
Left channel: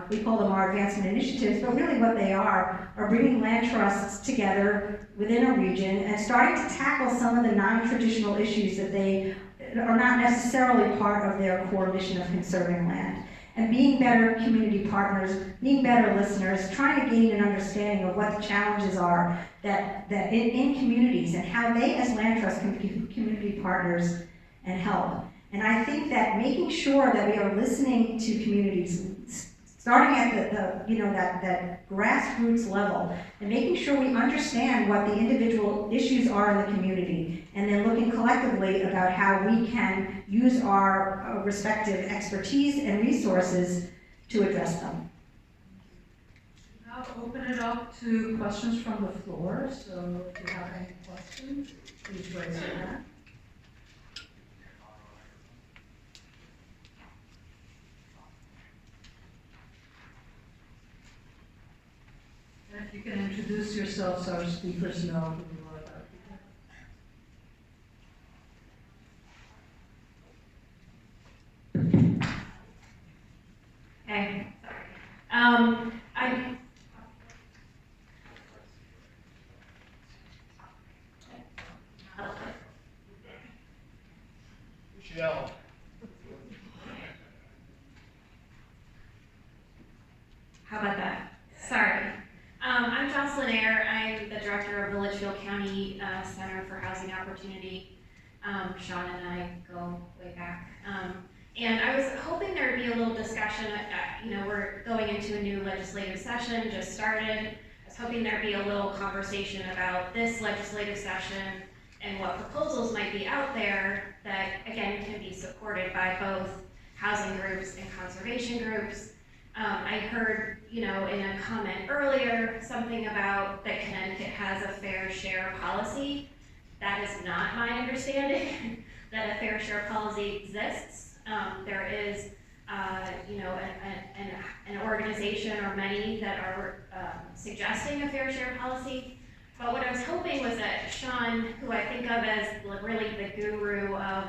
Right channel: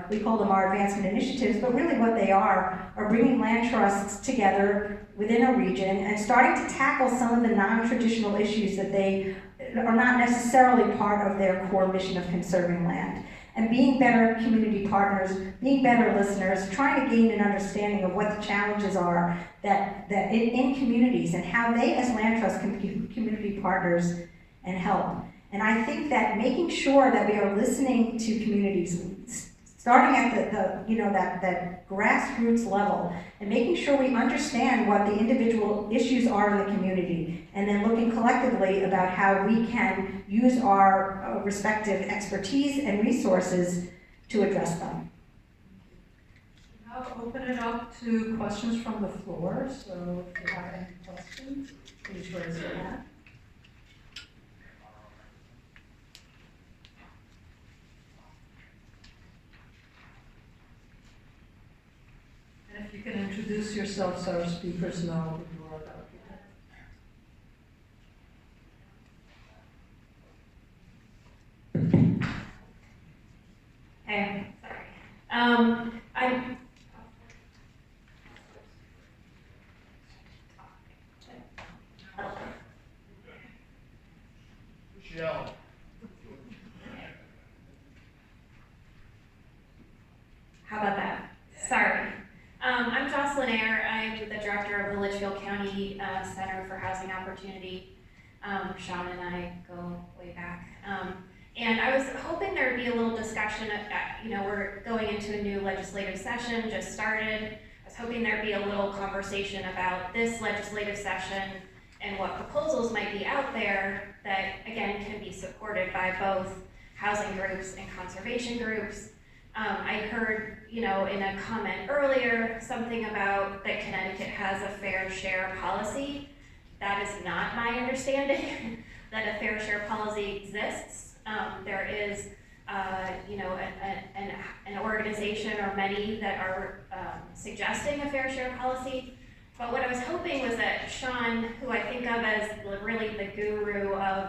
we call them our advancement initiatives, but really what they are bringing land trusts together within a region and starting to tackle some of the non-traditional issues that they are not necessarily part of their core mission of conserving land. And being better community partners, being better listeners, trying to gain an understanding of what the challenges are that in communities and how they as land trusts can be community partners and help. And I think that making sure that we are listening to communities, starting at that grassroots level, and making sure we understand what the individual issues are in the community, and then looking collectively about how we can use our respective expertise and resources to address them. I'll open it up to questions from the floor, so if you have any questions, please raise your hand. And if you can introduce yourself so our speakers know who you are, that would be great. Hey, sorry. Michelle. How about that? Sorry. I'm Jocelyn Ayer. I'm the director of the Litchfield County Center for Housing Opportunity. Sean and I go way back. And I was hoping there would be a little discussion. We're going into a new legislative session, just started. I was hoping there'd be a little conversation about this legislative session and what proposals might be out there that, again, can be supported by both housing groups and conservation groups. I heard, in a comment earlier, something about that Connecticut has a fair share policy. That is not my understanding, that a fair share policy exists. There is, an organization or many that are suggesting a fair share policy. But what I was hoping was that Sean, who I think of as really the guru of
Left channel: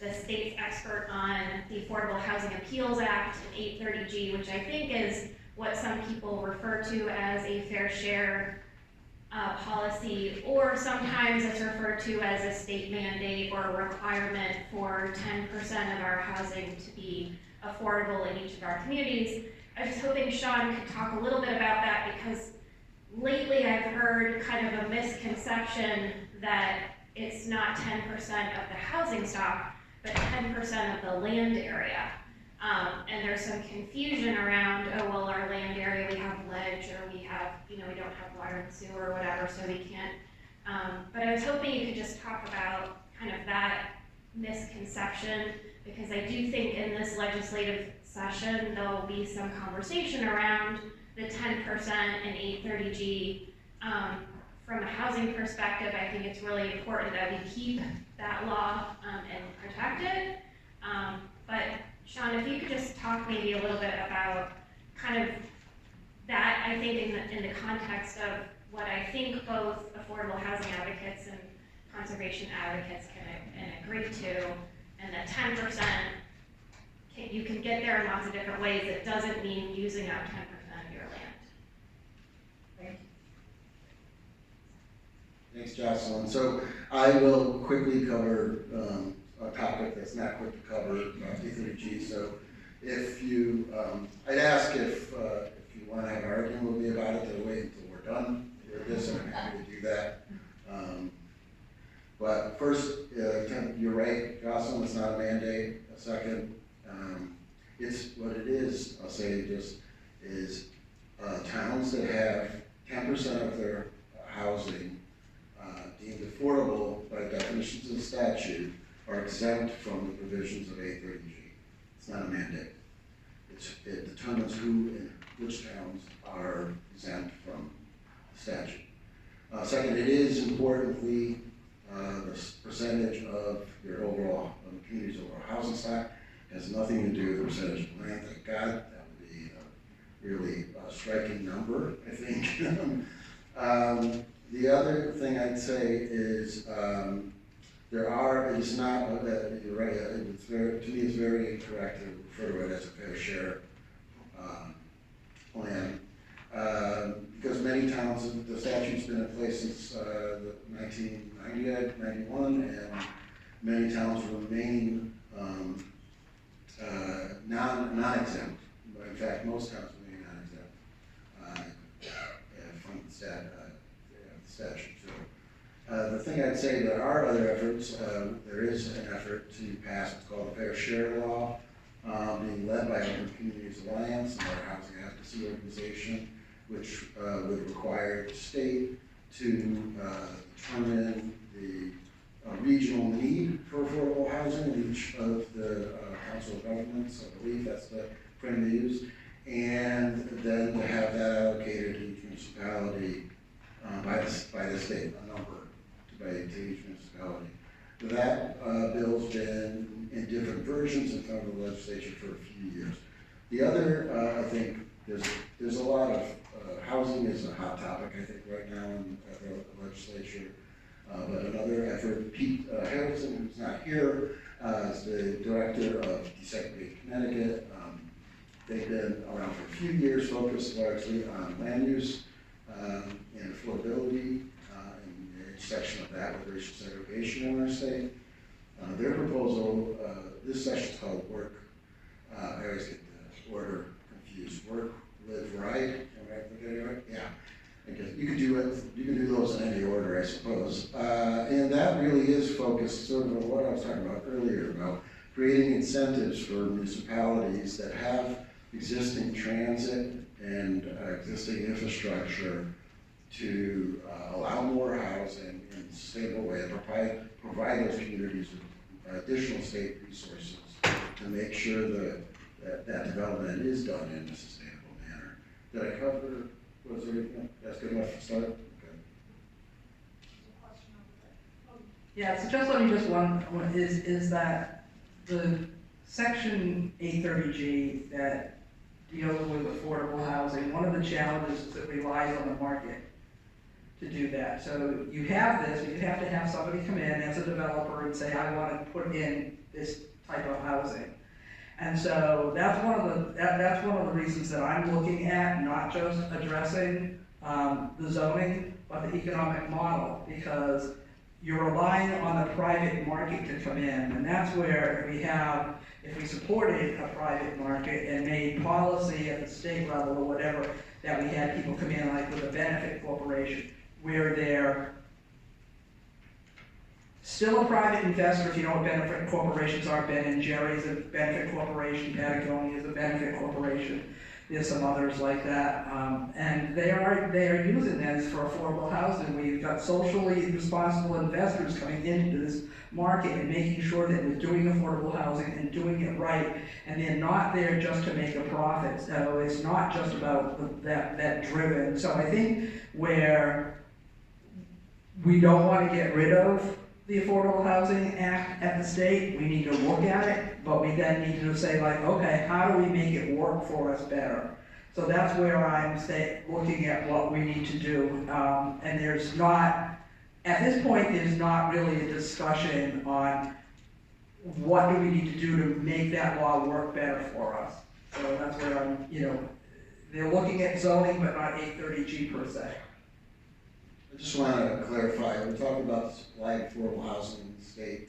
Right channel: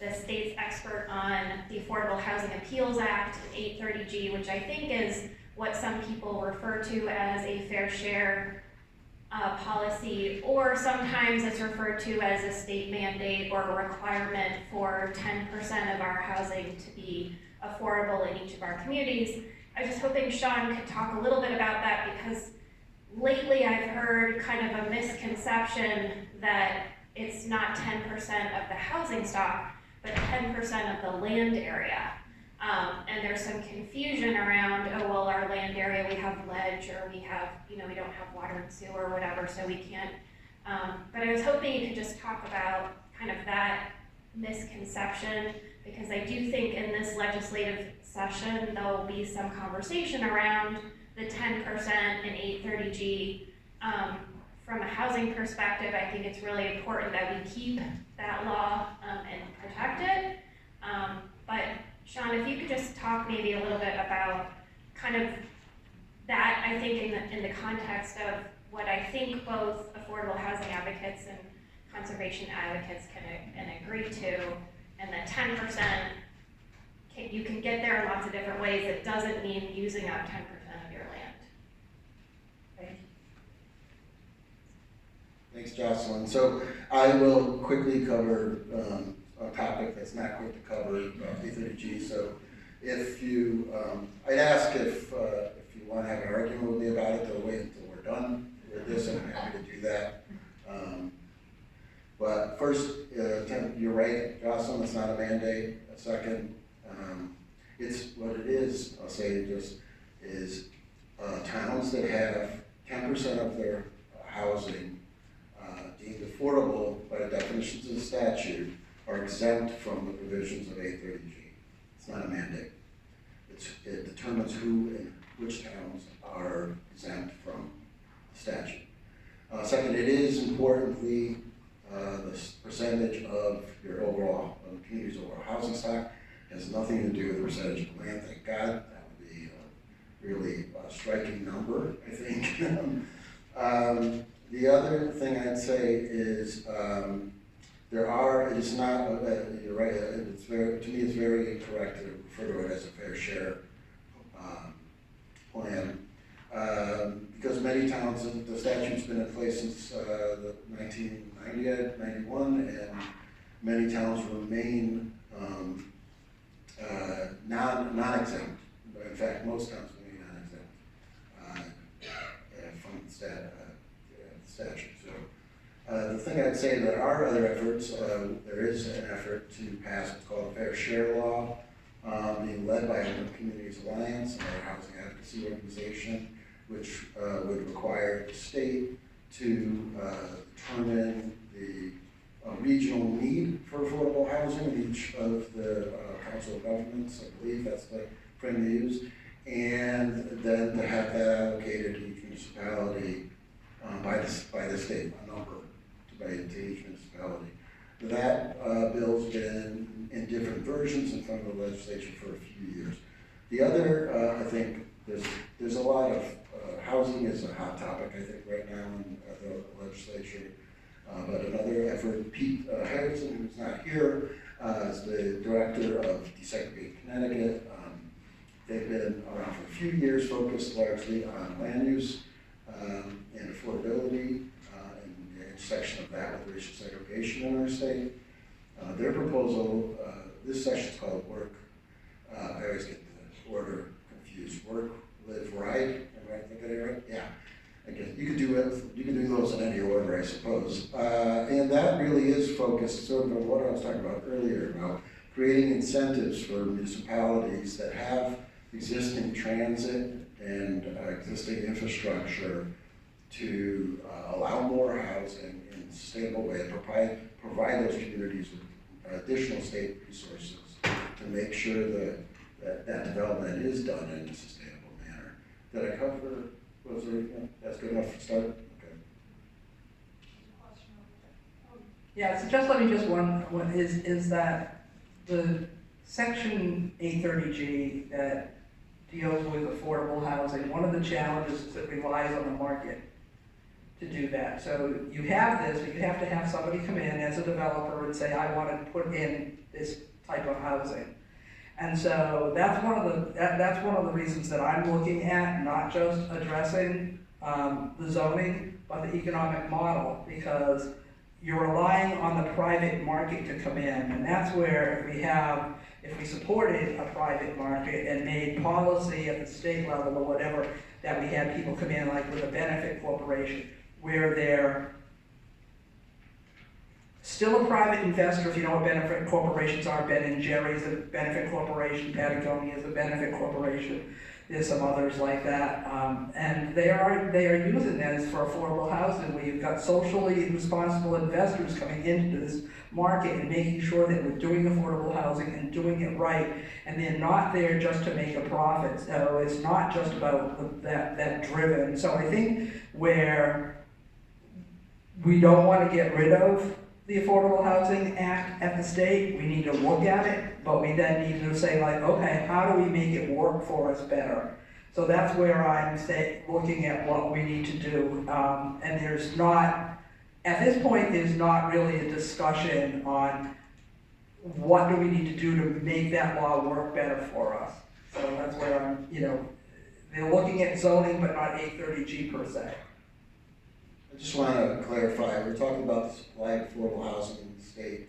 the state's expert on the Affordable Housing Appeals Act and 830G, which I think is what some people refer to as a fair share policy, or sometimes it's referred to as a state mandate or a requirement for 10% of our housing to be affordable in each of our communities. I was just hoping Sean could talk a little bit about that, because lately I've heard kind of a misconception that it's not 10% of the housing stock, but 10% of the land area. And there's some confusion around, our land area, we have ledge, or we have, we don't have water and sewer or whatever, so we can't. But I was hoping you could just talk about kind of that misconception, because I do think in this legislative session, there'll be some conversation around the 10% and 830G. From a housing perspective, I think it's really important that we keep that law and protect it. But Sean, if you could just talk maybe a little bit about kind of that, I think in the context of what I think both affordable housing advocates and conservation advocates can agree to, and that 10%, you can get there in lots of different ways. It doesn't mean using up 10% of your land. Thank you. Thanks, Jocelyn. So I will quickly cover a topic that's not quick to cover, 830G. So if you, I'd ask if you want to have an argument with me about it, to wait until we're done with this, and I'm happy to do that. But first, you're right, Jocelyn, it's not a mandate. Second, it's what it is, I'll say just, is towns that have 10% of their housing deemed affordable by definitions of the statute are exempt from the provisions of 830G. It's not a mandate. it determines who and which towns are exempt from the statute. Second, it is importantly the percentage of your overall, of the community's overall housing stock has nothing to do with the percentage of land. Thank God, that would be a really striking number, I think. The other thing I'd say is it is not, you're right, it's very, to me it's very incorrect to refer to it as a fair share plan. Because many towns, the statute's been in place since the 1990, 91, and many towns remain non-exempt. In fact, most towns remain non-exempt from the statute. So the thing I'd say, there are other efforts. There is an effort to pass what's called a fair share law, being led by Urban Communities Alliance, another housing advocacy organization, which would require the state to determine the regional need for affordable housing in each of the council of governments. I believe that's the frame they use, and then to have that allocated to each municipality by the state, a number to each municipality. That bill's been in different versions in front of the legislature for a few years. The other, I think, there's a lot of housing is a hot topic, I think, right now in the legislature. But another effort, Pete Harrison, who's not here, is the director of Desegregated Connecticut. They've been around for a few years, focused largely on land use and affordability, and the intersection of that with racial segregation in our state. Their proposal, this session's called Work. I always get the order confused. Work, live, right. Am I thinking it right? Yeah. I guess you could do it. You can do those in any order, I suppose. And that really is focused sort of on what I was talking about earlier about creating incentives for municipalities that have existing transit and existing infrastructure to allow more housing in a sustainable way and provide those communities with additional state resources to make sure that development is done in a sustainable manner. Did I cover? Was there, that's good enough to start? Okay. Yeah, so just let me just one is that the section 830G that deals with affordable housing, one of the challenges is it relies on the market to do that. So you have this, but you have to have somebody come in as a developer and say, I want to put in this type of housing. And so that's one of the reasons that I'm looking at not just addressing the zoning, but the economic model, because you're relying on the private market to come in, and that's where if we supported a private market and made policy at the state level or whatever, that we had people come in like with a benefit corporation, where they're still a private investor. If you know what benefit corporations are, Ben & Jerry's a benefit corporation, Patagonia is a benefit corporation. There's some others like that, and they are using this for affordable housing, where you've got socially responsible investors coming into this market and making sure that we're doing affordable housing and doing it right, and they're not there just to make a profit. So it's not just about that driven. So I think where we don't want to get rid of the Affordable Housing Act at the state, we need to look at it, but we then need to say like, okay, how do we make it work for us better? So that's where I'm looking at what we need to do. And there's not, at this point, there's not really a discussion on what do we need to do to make that law work better for us. So that's where I'm, they're looking at zoning, but not 830G per se. I just want to clarify, we're talking about the supply of affordable housing in the state.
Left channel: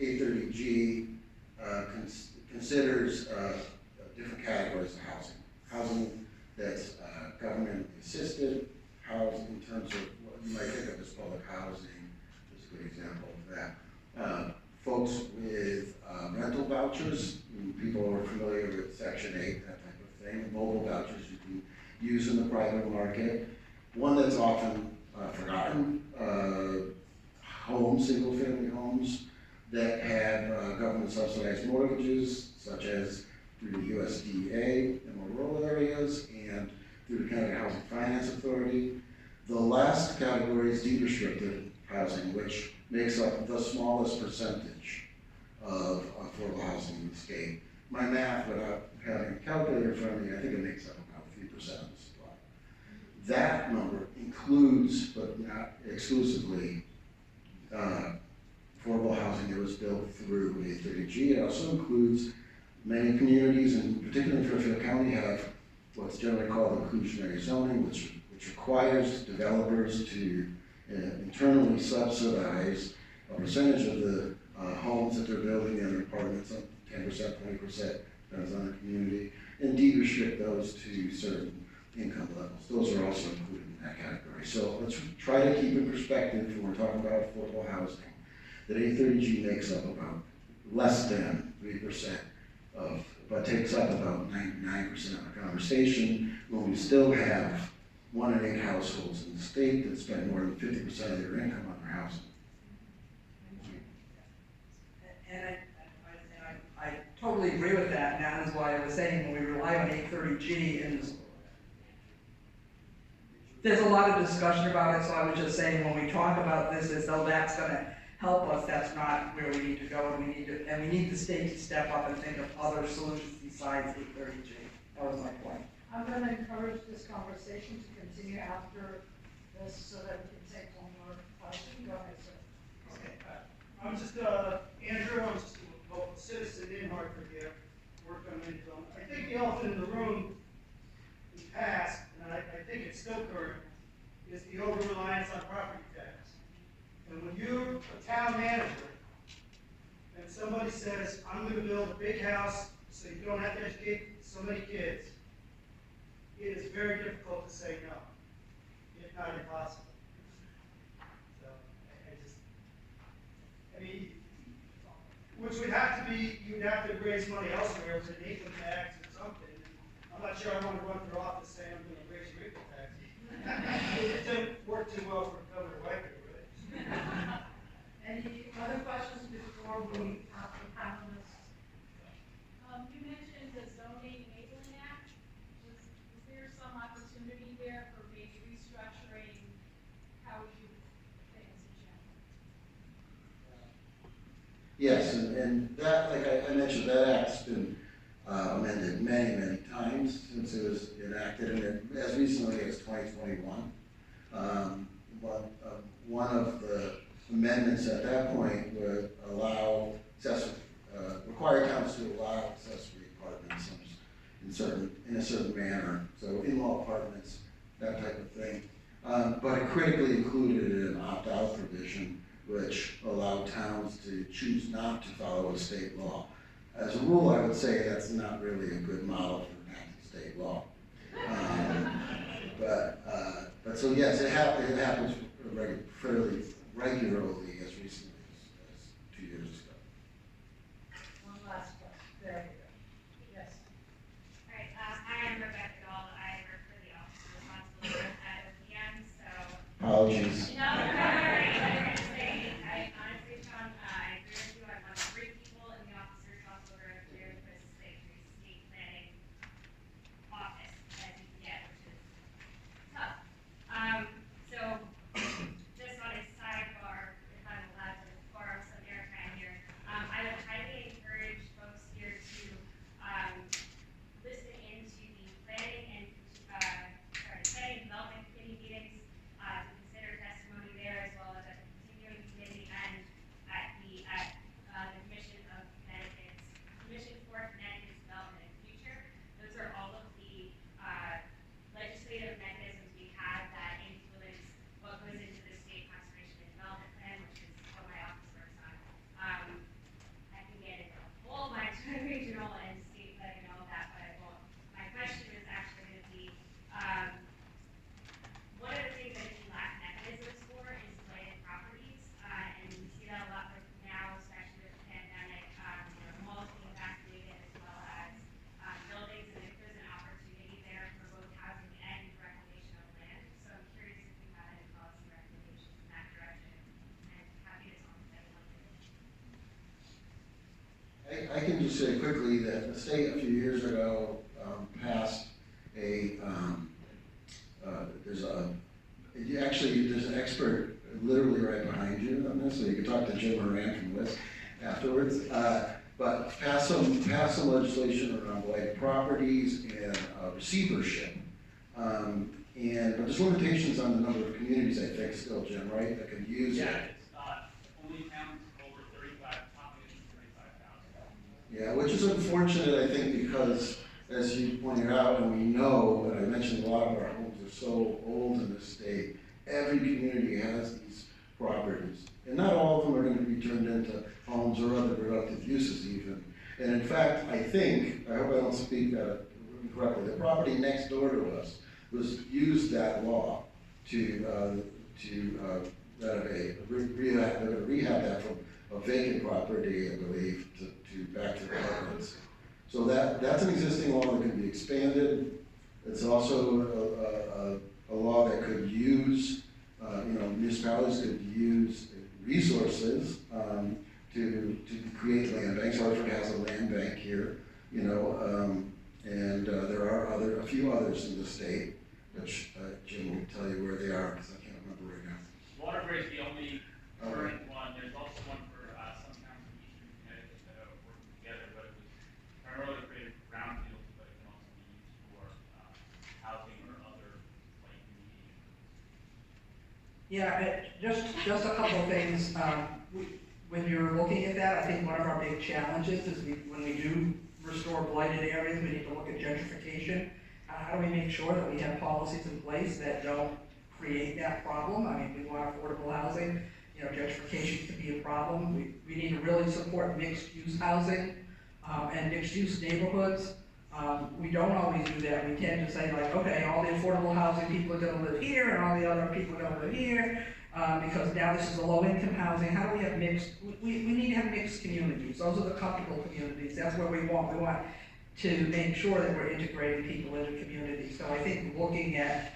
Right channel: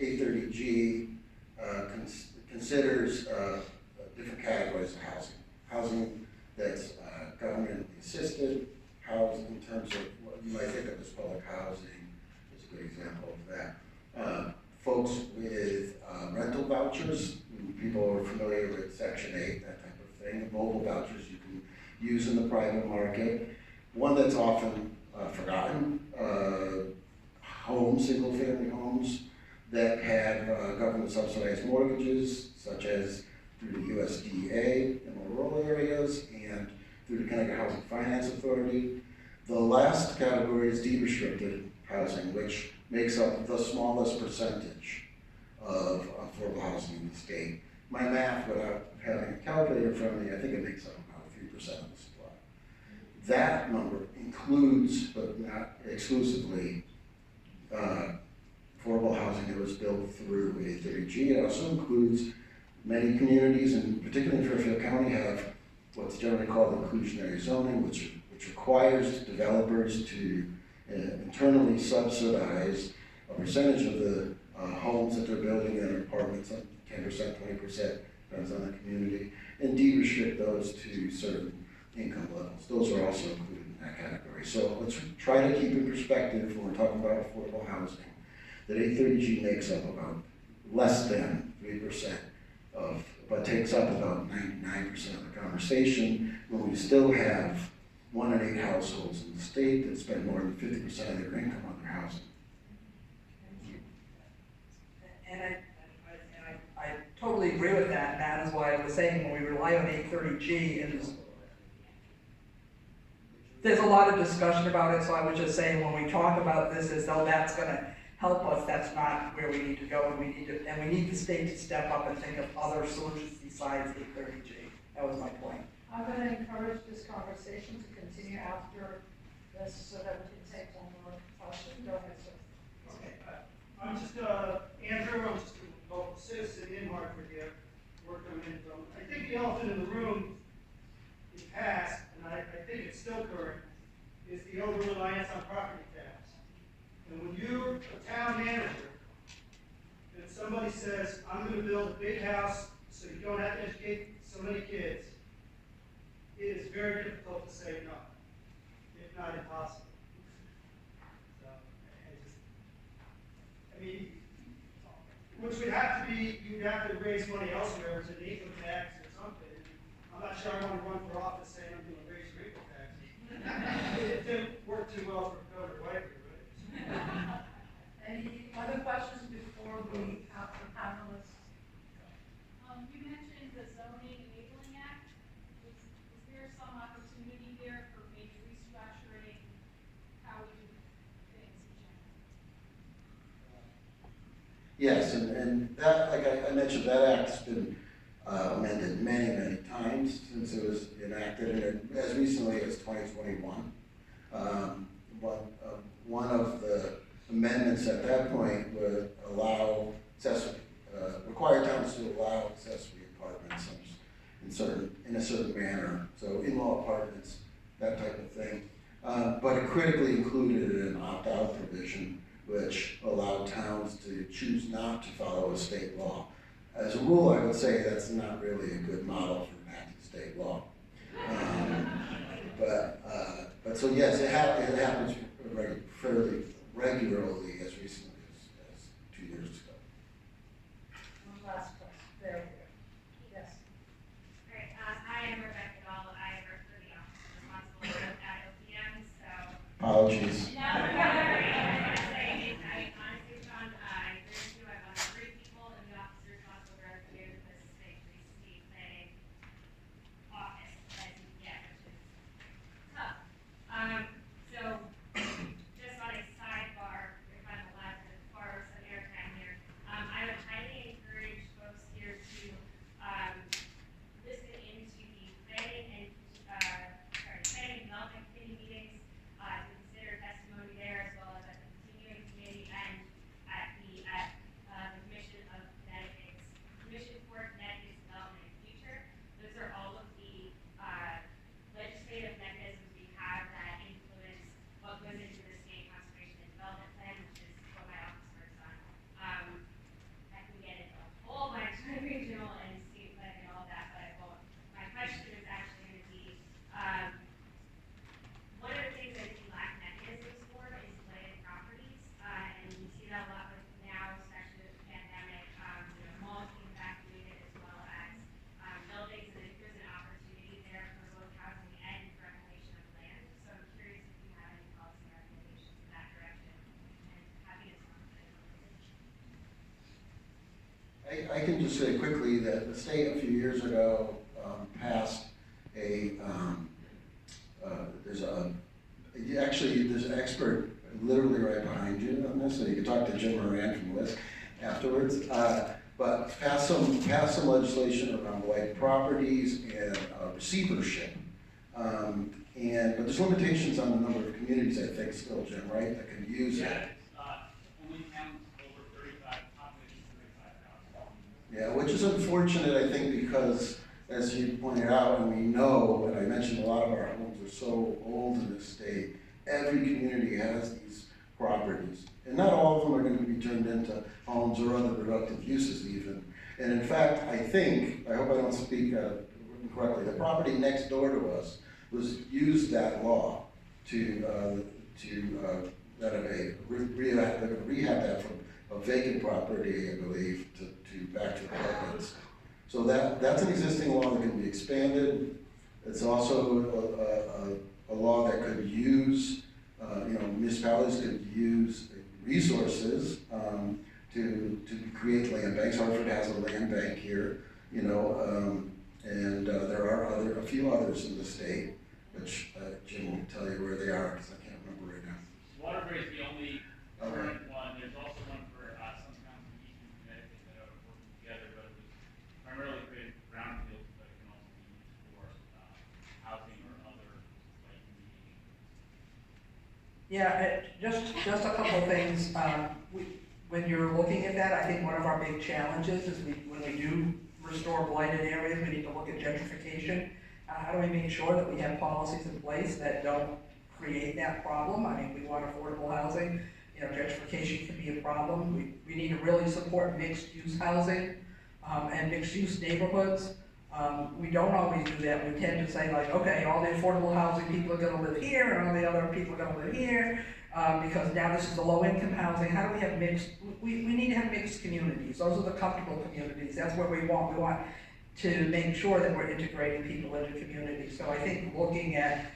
830G considers different categories of housing. Housing that's government assisted, housing in terms of what you might think of as public housing is a good example of that. Folks with rental vouchers, people are familiar with Section 8, that type of thing. Mobile vouchers you can use in the private market. One that's often forgotten, single-family homes that have government-subsidized mortgages, such as through the USDA in more rural areas and through the Connecticut Housing Finance Authority. The last category is deed restricted housing, which makes up the smallest percentage of affordable housing in the state. My math, without having a calculator in front of me, I think it makes up about 3% of the supply. That number includes, but not exclusively, affordable housing that was built through A30G. It also includes many communities, and particularly in Fairfield County, have what's generally called inclusionary zoning, which requires developers to internally subsidize a percentage of the homes that they're building in their apartments, 10%, 20%, depends on the community, and deed restrict those to certain income levels. Those are also included in that category. So let's try to keep in perspective when we're talking about affordable housing that A30G makes up about less than 3% of, but takes up about 99% of the conversation, when we still have 1 in 8 households in the state that spend more than 50% of their income on their housing. And I totally agree with that, and that is why I was saying when we rely on A30G, and there's a lot of discussion about it, so I was just saying when we talk about this as though that's gonna help us, that's not where we need to go, and we need the state to step up and think of other solutions besides A30G. That was my point. I'm gonna encourage this conversation to continue after this so that we can take one more question. Go ahead, sir. Okay, I'm just, Andrew, I'm just a local citizen in Hartford here, worked on Minnesota. I think the elephant in the room in past, and I think it's still current, is the over-reliance on property tax. And when you're a town manager, and somebody says, I'm gonna build a big house so you don't have to educate so many kids, it is very difficult to say no, if not impossible. So, I mean, which would have to be, you'd have to raise money elsewhere with an income tax or something. I'm not sure I want to run for office saying I'm going to raise your income taxes. It didn't work too well for Governor Whitehead, right? Any other questions before we have the panelists? You mentioned the Zoning Enabling Act. Was there some opportunity there for maybe restructuring how we do things in general? Yes, and that, like I mentioned, that act's been amended many, many times since it was enacted, and as recently as 2021. One of the amendments at that point would allow require towns to allow accessory apartments in a certain manner, so in-law apartments, that type of thing. But it critically included an opt-out provision which allowed towns to choose not to follow a state law. As a rule, I would say that's not really a good model for enacting state law. But so yes, it happens fairly regularly as recently as 2 years ago. One last question. There we go. Yes. All right, hi, I'm Rebecca Dahl. I work for the office responsible for that OPM, so. Apologies. No, I was gonna say, I honestly, Sean, I agree with you. I'm one of 3 people in the office responsible for OPM, this is a state planning office, as you can get, which is tough. So, just on a sidebar, if I'm allowed to borrow some airtime here, I would highly encourage folks here to, listen into the planning and, planning and development committee meetings, to consider testimony there. I can just say quickly that the state a few years ago passed there's an expert literally right behind you on this, so you can talk to Jim Moran from List afterwards. But passed some legislation around blighted properties and receivership. But there's limitations on the number of communities, I think, still, Jim, right, that could use it. Only towns over 35, population 35,000. Yeah, which is unfortunate, I think, because as you pointed out, and we know, and I mentioned a lot of our homes are so old in this state, every community has these properties. And not all of them are going to be turned into homes or other productive uses even. And in fact, I hope I don't speak incorrectly, the property next door to us used that law to renovate, rehab that from a vacant property, I believe, to back to apartments. So that's an existing law that can be expanded. It's also a law that could use, municipalities could use resources to create land banks. Hartford has a land bank here, and there are a few others in the state, which Jim will tell you where they are because I can't remember right now. Waterbury is the only current one. There's also one for some towns in eastern Connecticut that are working together, but it was primarily created for brownfields, but it can also be used for housing or other like mediation. Yeah, just a couple of things. When you're looking at that, I think one of our big challenges is when we do restore blighted areas, we need to look at gentrification. How do we make sure that we have policies in place that don't create that problem? I mean, we want affordable housing. Gentrification can be a problem. We need to really support mixed-use housing and mixed-use neighborhoods. We don't always do that. We tend to say like, okay, all the affordable housing people are gonna live here and all the other people are gonna live here because now this is the low-income housing. How do we have mixed, we need to have mixed communities. Those are the comfortable communities. That's what we want. We want to make sure that we're integrating people into communities. So I think looking at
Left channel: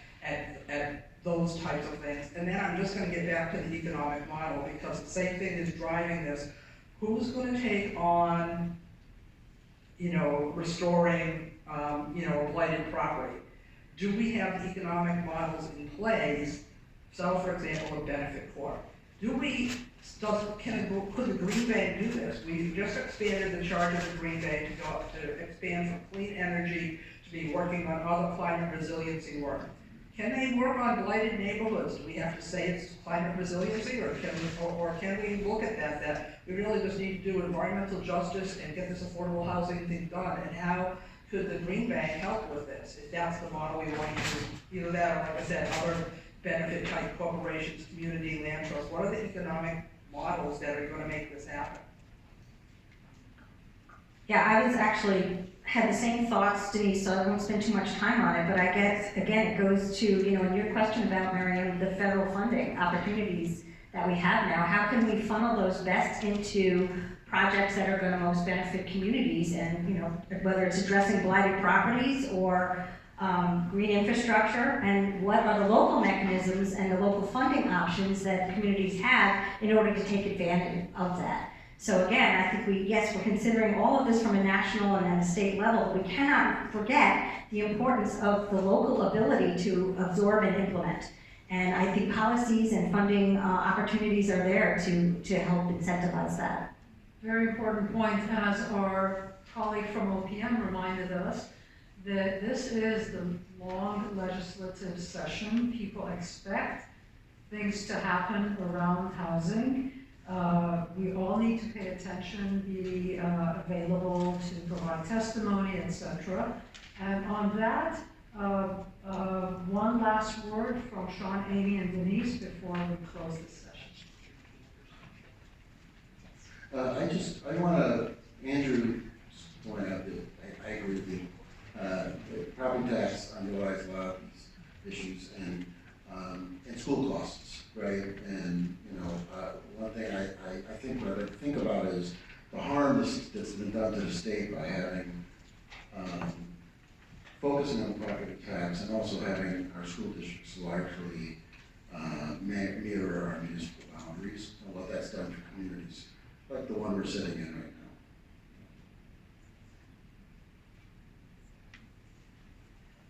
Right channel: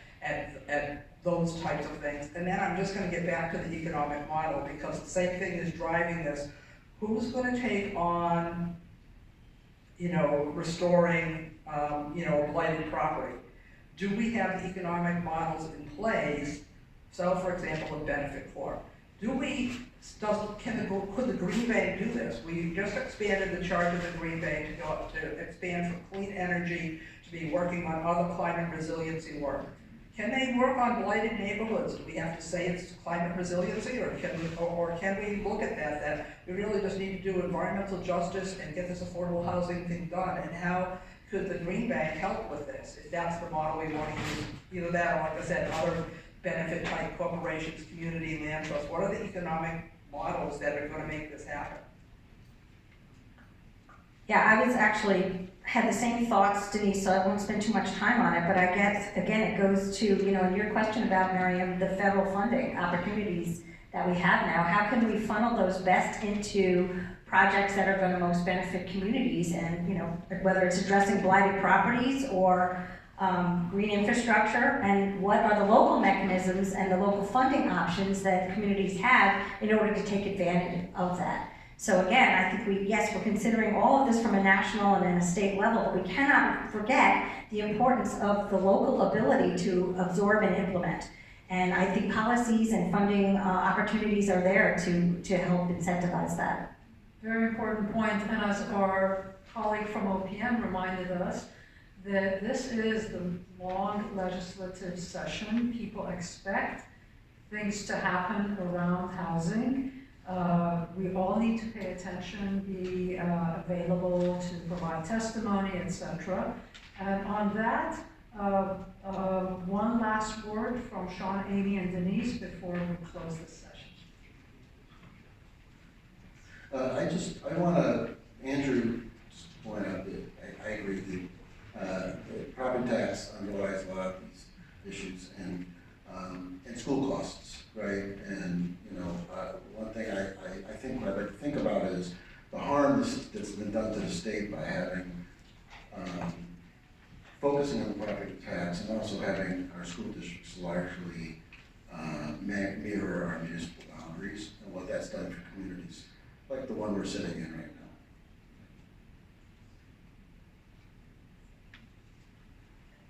those types of things. And then I'm just gonna get back to the economic model because the same thing is driving this. Who's gonna take on restoring, a blighted property? Do we have economic models in place? So, for example, a benefit corp. Could the Green Bank do this? We just expanded the charge of the Green Bank to expand from clean energy to be working on other climate resiliency work. Can they work on blighted neighborhoods? Do we have to say it's climate resiliency, or can we look at that we really just need to do environmental justice and get this affordable housing thing done? And how could the Green Bank help with this? If that's the model we want to use, either that or, like I said, other benefit type corporations, community land trusts. What are the economic models that are going to make this happen? Yeah, I was actually had the same thoughts, Denise, so I won't spend too much time on it, but I guess, again, it goes to, your question about, Miriam, the federal funding opportunities that we have now. How can we funnel those best into projects that are going to most benefit communities, and, whether it's addressing blighted properties or green infrastructure, and what are the local mechanisms and the local funding options that communities have in order to take advantage of that. So again, I think we're considering all of this from a national and then a state level, but we cannot forget the importance of the local ability to absorb and implement. And I think policies and funding opportunities are there to help incentivize that. Very important point, and as our colleague from OPM reminded us, that this is the long legislative session. People expect things to happen around housing. We all need to pay attention, be available to provide testimony, etc. And on that, one last word from Sean, Amy, and Denise before we close this session. I want to, Andrew, just point out that I agree with you. The property tax underlies a lot of these issues, and school costs, right? And one thing I think what I like to think about is the harm that's been done to the state by having focusing on the property tax and also having our school districts largely mirror our municipal boundaries and what that's done for communities like the one we're sitting in right now.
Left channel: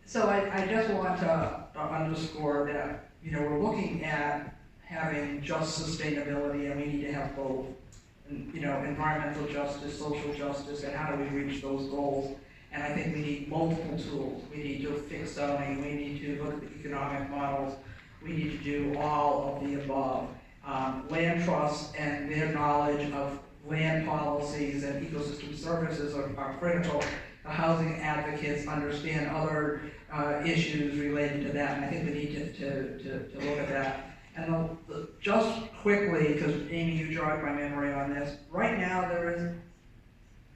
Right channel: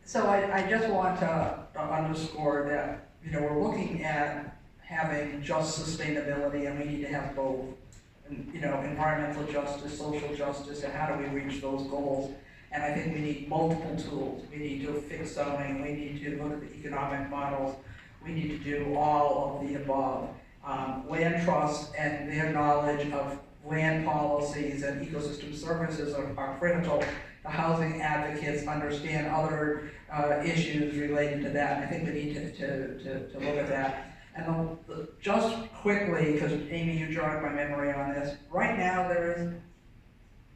So I just want to underscore that, we're looking at having just sustainability, and we need to have both, environmental justice, social justice, and how do we reach those goals. And I think we need multiple tools. We need to fix zoning, we need to look at the economic models, we need to do all of the above. Land trusts and their knowledge of land policies and ecosystem services are critical. The housing advocates understand other issues related to that, and I think we need to look at that. And just quickly, because Amy, you jogged my memory on this, right now there is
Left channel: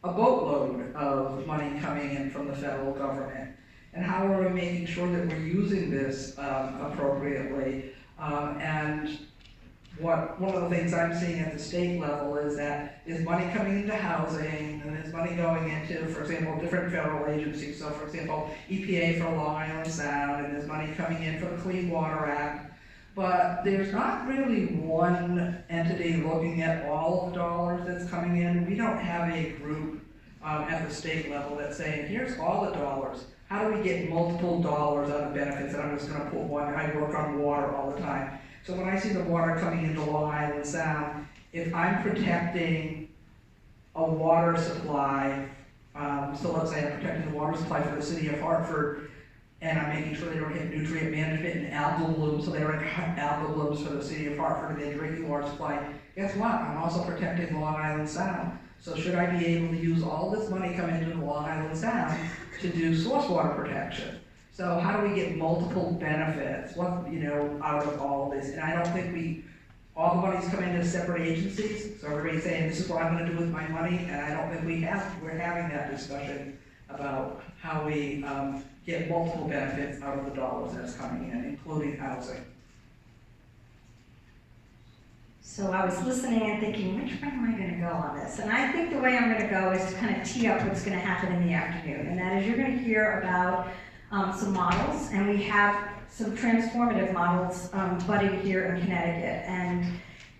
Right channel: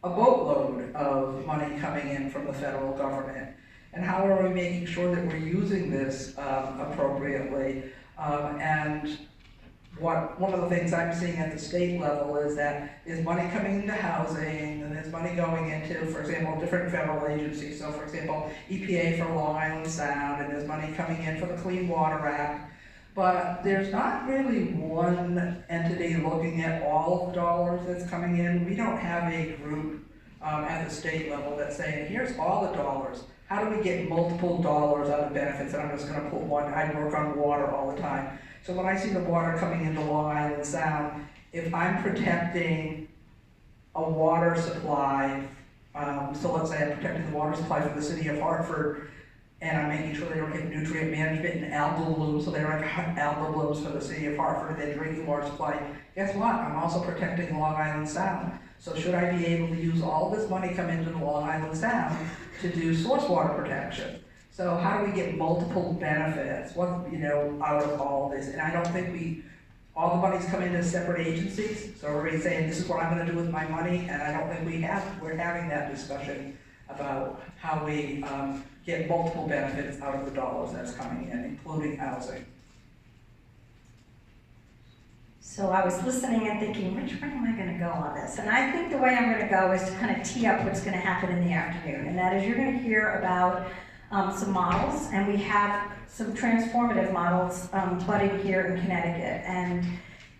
a boatload of money coming in from the federal government. And how are we making sure that we're using this appropriately? And one of the things I'm seeing at the state level is that there's money coming into housing, and there's money going into, for example, different federal agencies. So for example, EPA for Long Island Sound, and there's money coming in for the Clean Water Act. But there's not really one entity looking at all of the dollars that's coming in. We don't have a group at the state level that's saying, here's all the dollars. How do we get multiple dollars out of benefits? And I'm just gonna put one, I work on water all the time. So when I see the water coming into Long Island Sound, if I'm protecting a water supply, so let's say I'm protecting the water supply for the city of Hartford, and I'm making sure they don't get nutrient management and algal blooms, so they don't have algal blooms for the city of Hartford and they drinking water supply. Guess what? I'm also protecting Long Island Sound. So should I be able to use all this money coming into the Long Island Sound to do source water protection? So how do we get multiple benefits, out of all this? And I don't think all the money's come into separate agencies, so everybody's saying, this is what I'm gonna do with my money, and I don't think we're having that discussion about how we get multiple benefits out of the dollars that's coming in, including housing. So I was listening and thinking, which way am I gonna go on this? And I think the way I'm gonna go is to kind of tee up what's gonna happen in the afternoon. And that is, you're gonna hear about some models, and we have some transformative models budding here in Connecticut. And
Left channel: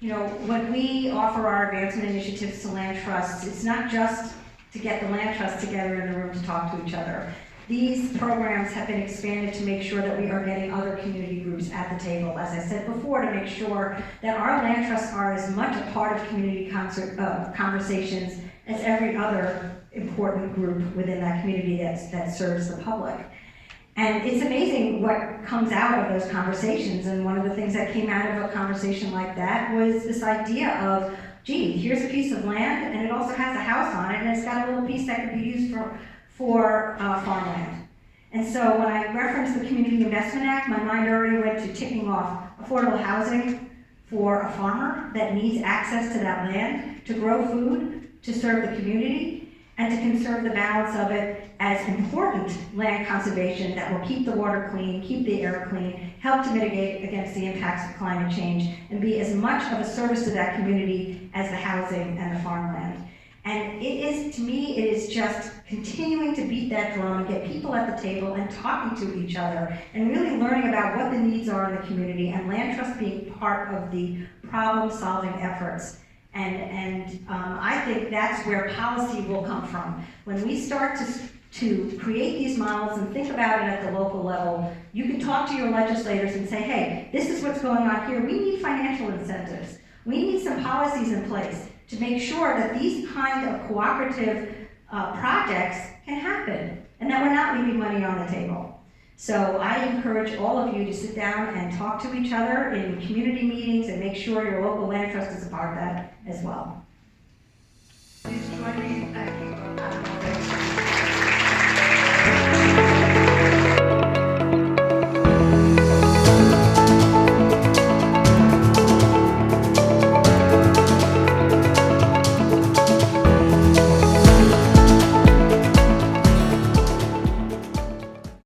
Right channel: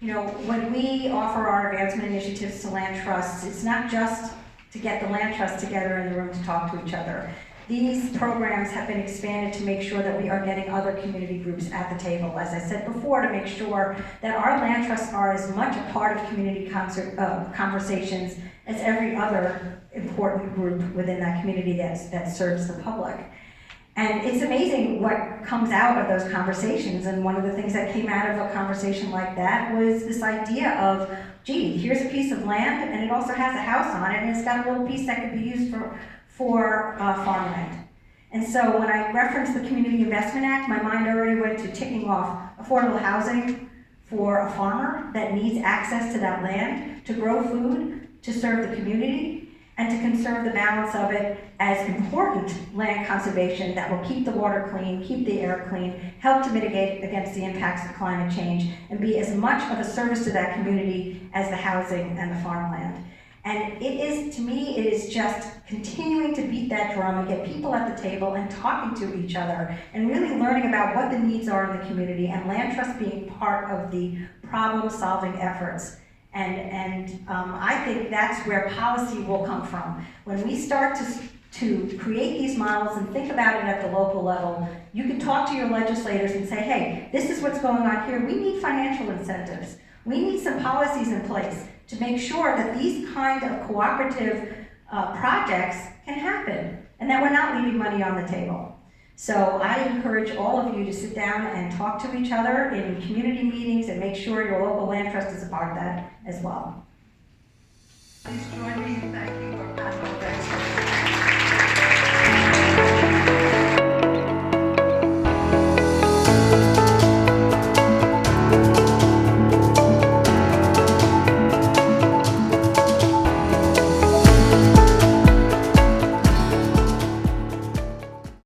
when we offer our advancement initiatives to land trusts, it's not just to get the land trusts together in the room to talk to each other. These programs have been expanded to make sure that we are getting other community groups at the table, as I said before, to make sure that our land trusts are as much a part of community conversations as every other important group within that community that serves the public. And it's amazing what comes out of those conversations, and one of the things that came out of a conversation like that was this idea of, gee, here's a piece of land, and it also has a house on it, and it's got a little piece that could be used for farmland. And so when I referenced the Community Investment Act, my mind already went to ticking off affordable housing for a farmer that needs access to that land to grow food, to serve the community, and to conserve the balance of it as important land conservation that will keep the water clean, keep the air clean, help to mitigate against the impacts of climate change, and be as much of a service to that community as the housing and the farmland. And to me, it is just continuing to beat that drum and get people at the table and talking to each other and really learning about what the needs are in the community, and land trust being part of the problem-solving efforts. And I think that's where policy will come from. When we start to create these models and think about it at the local level, you can talk to your legislators and say, hey, this is what's going on here. We need financial incentives. We need some policies in place to make sure that these kind of cooperative projects can happen and that we're not leaving money on the table. So I encourage all of you to sit down and talk to each other in community meetings and make sure your local land trust is a part of that as well.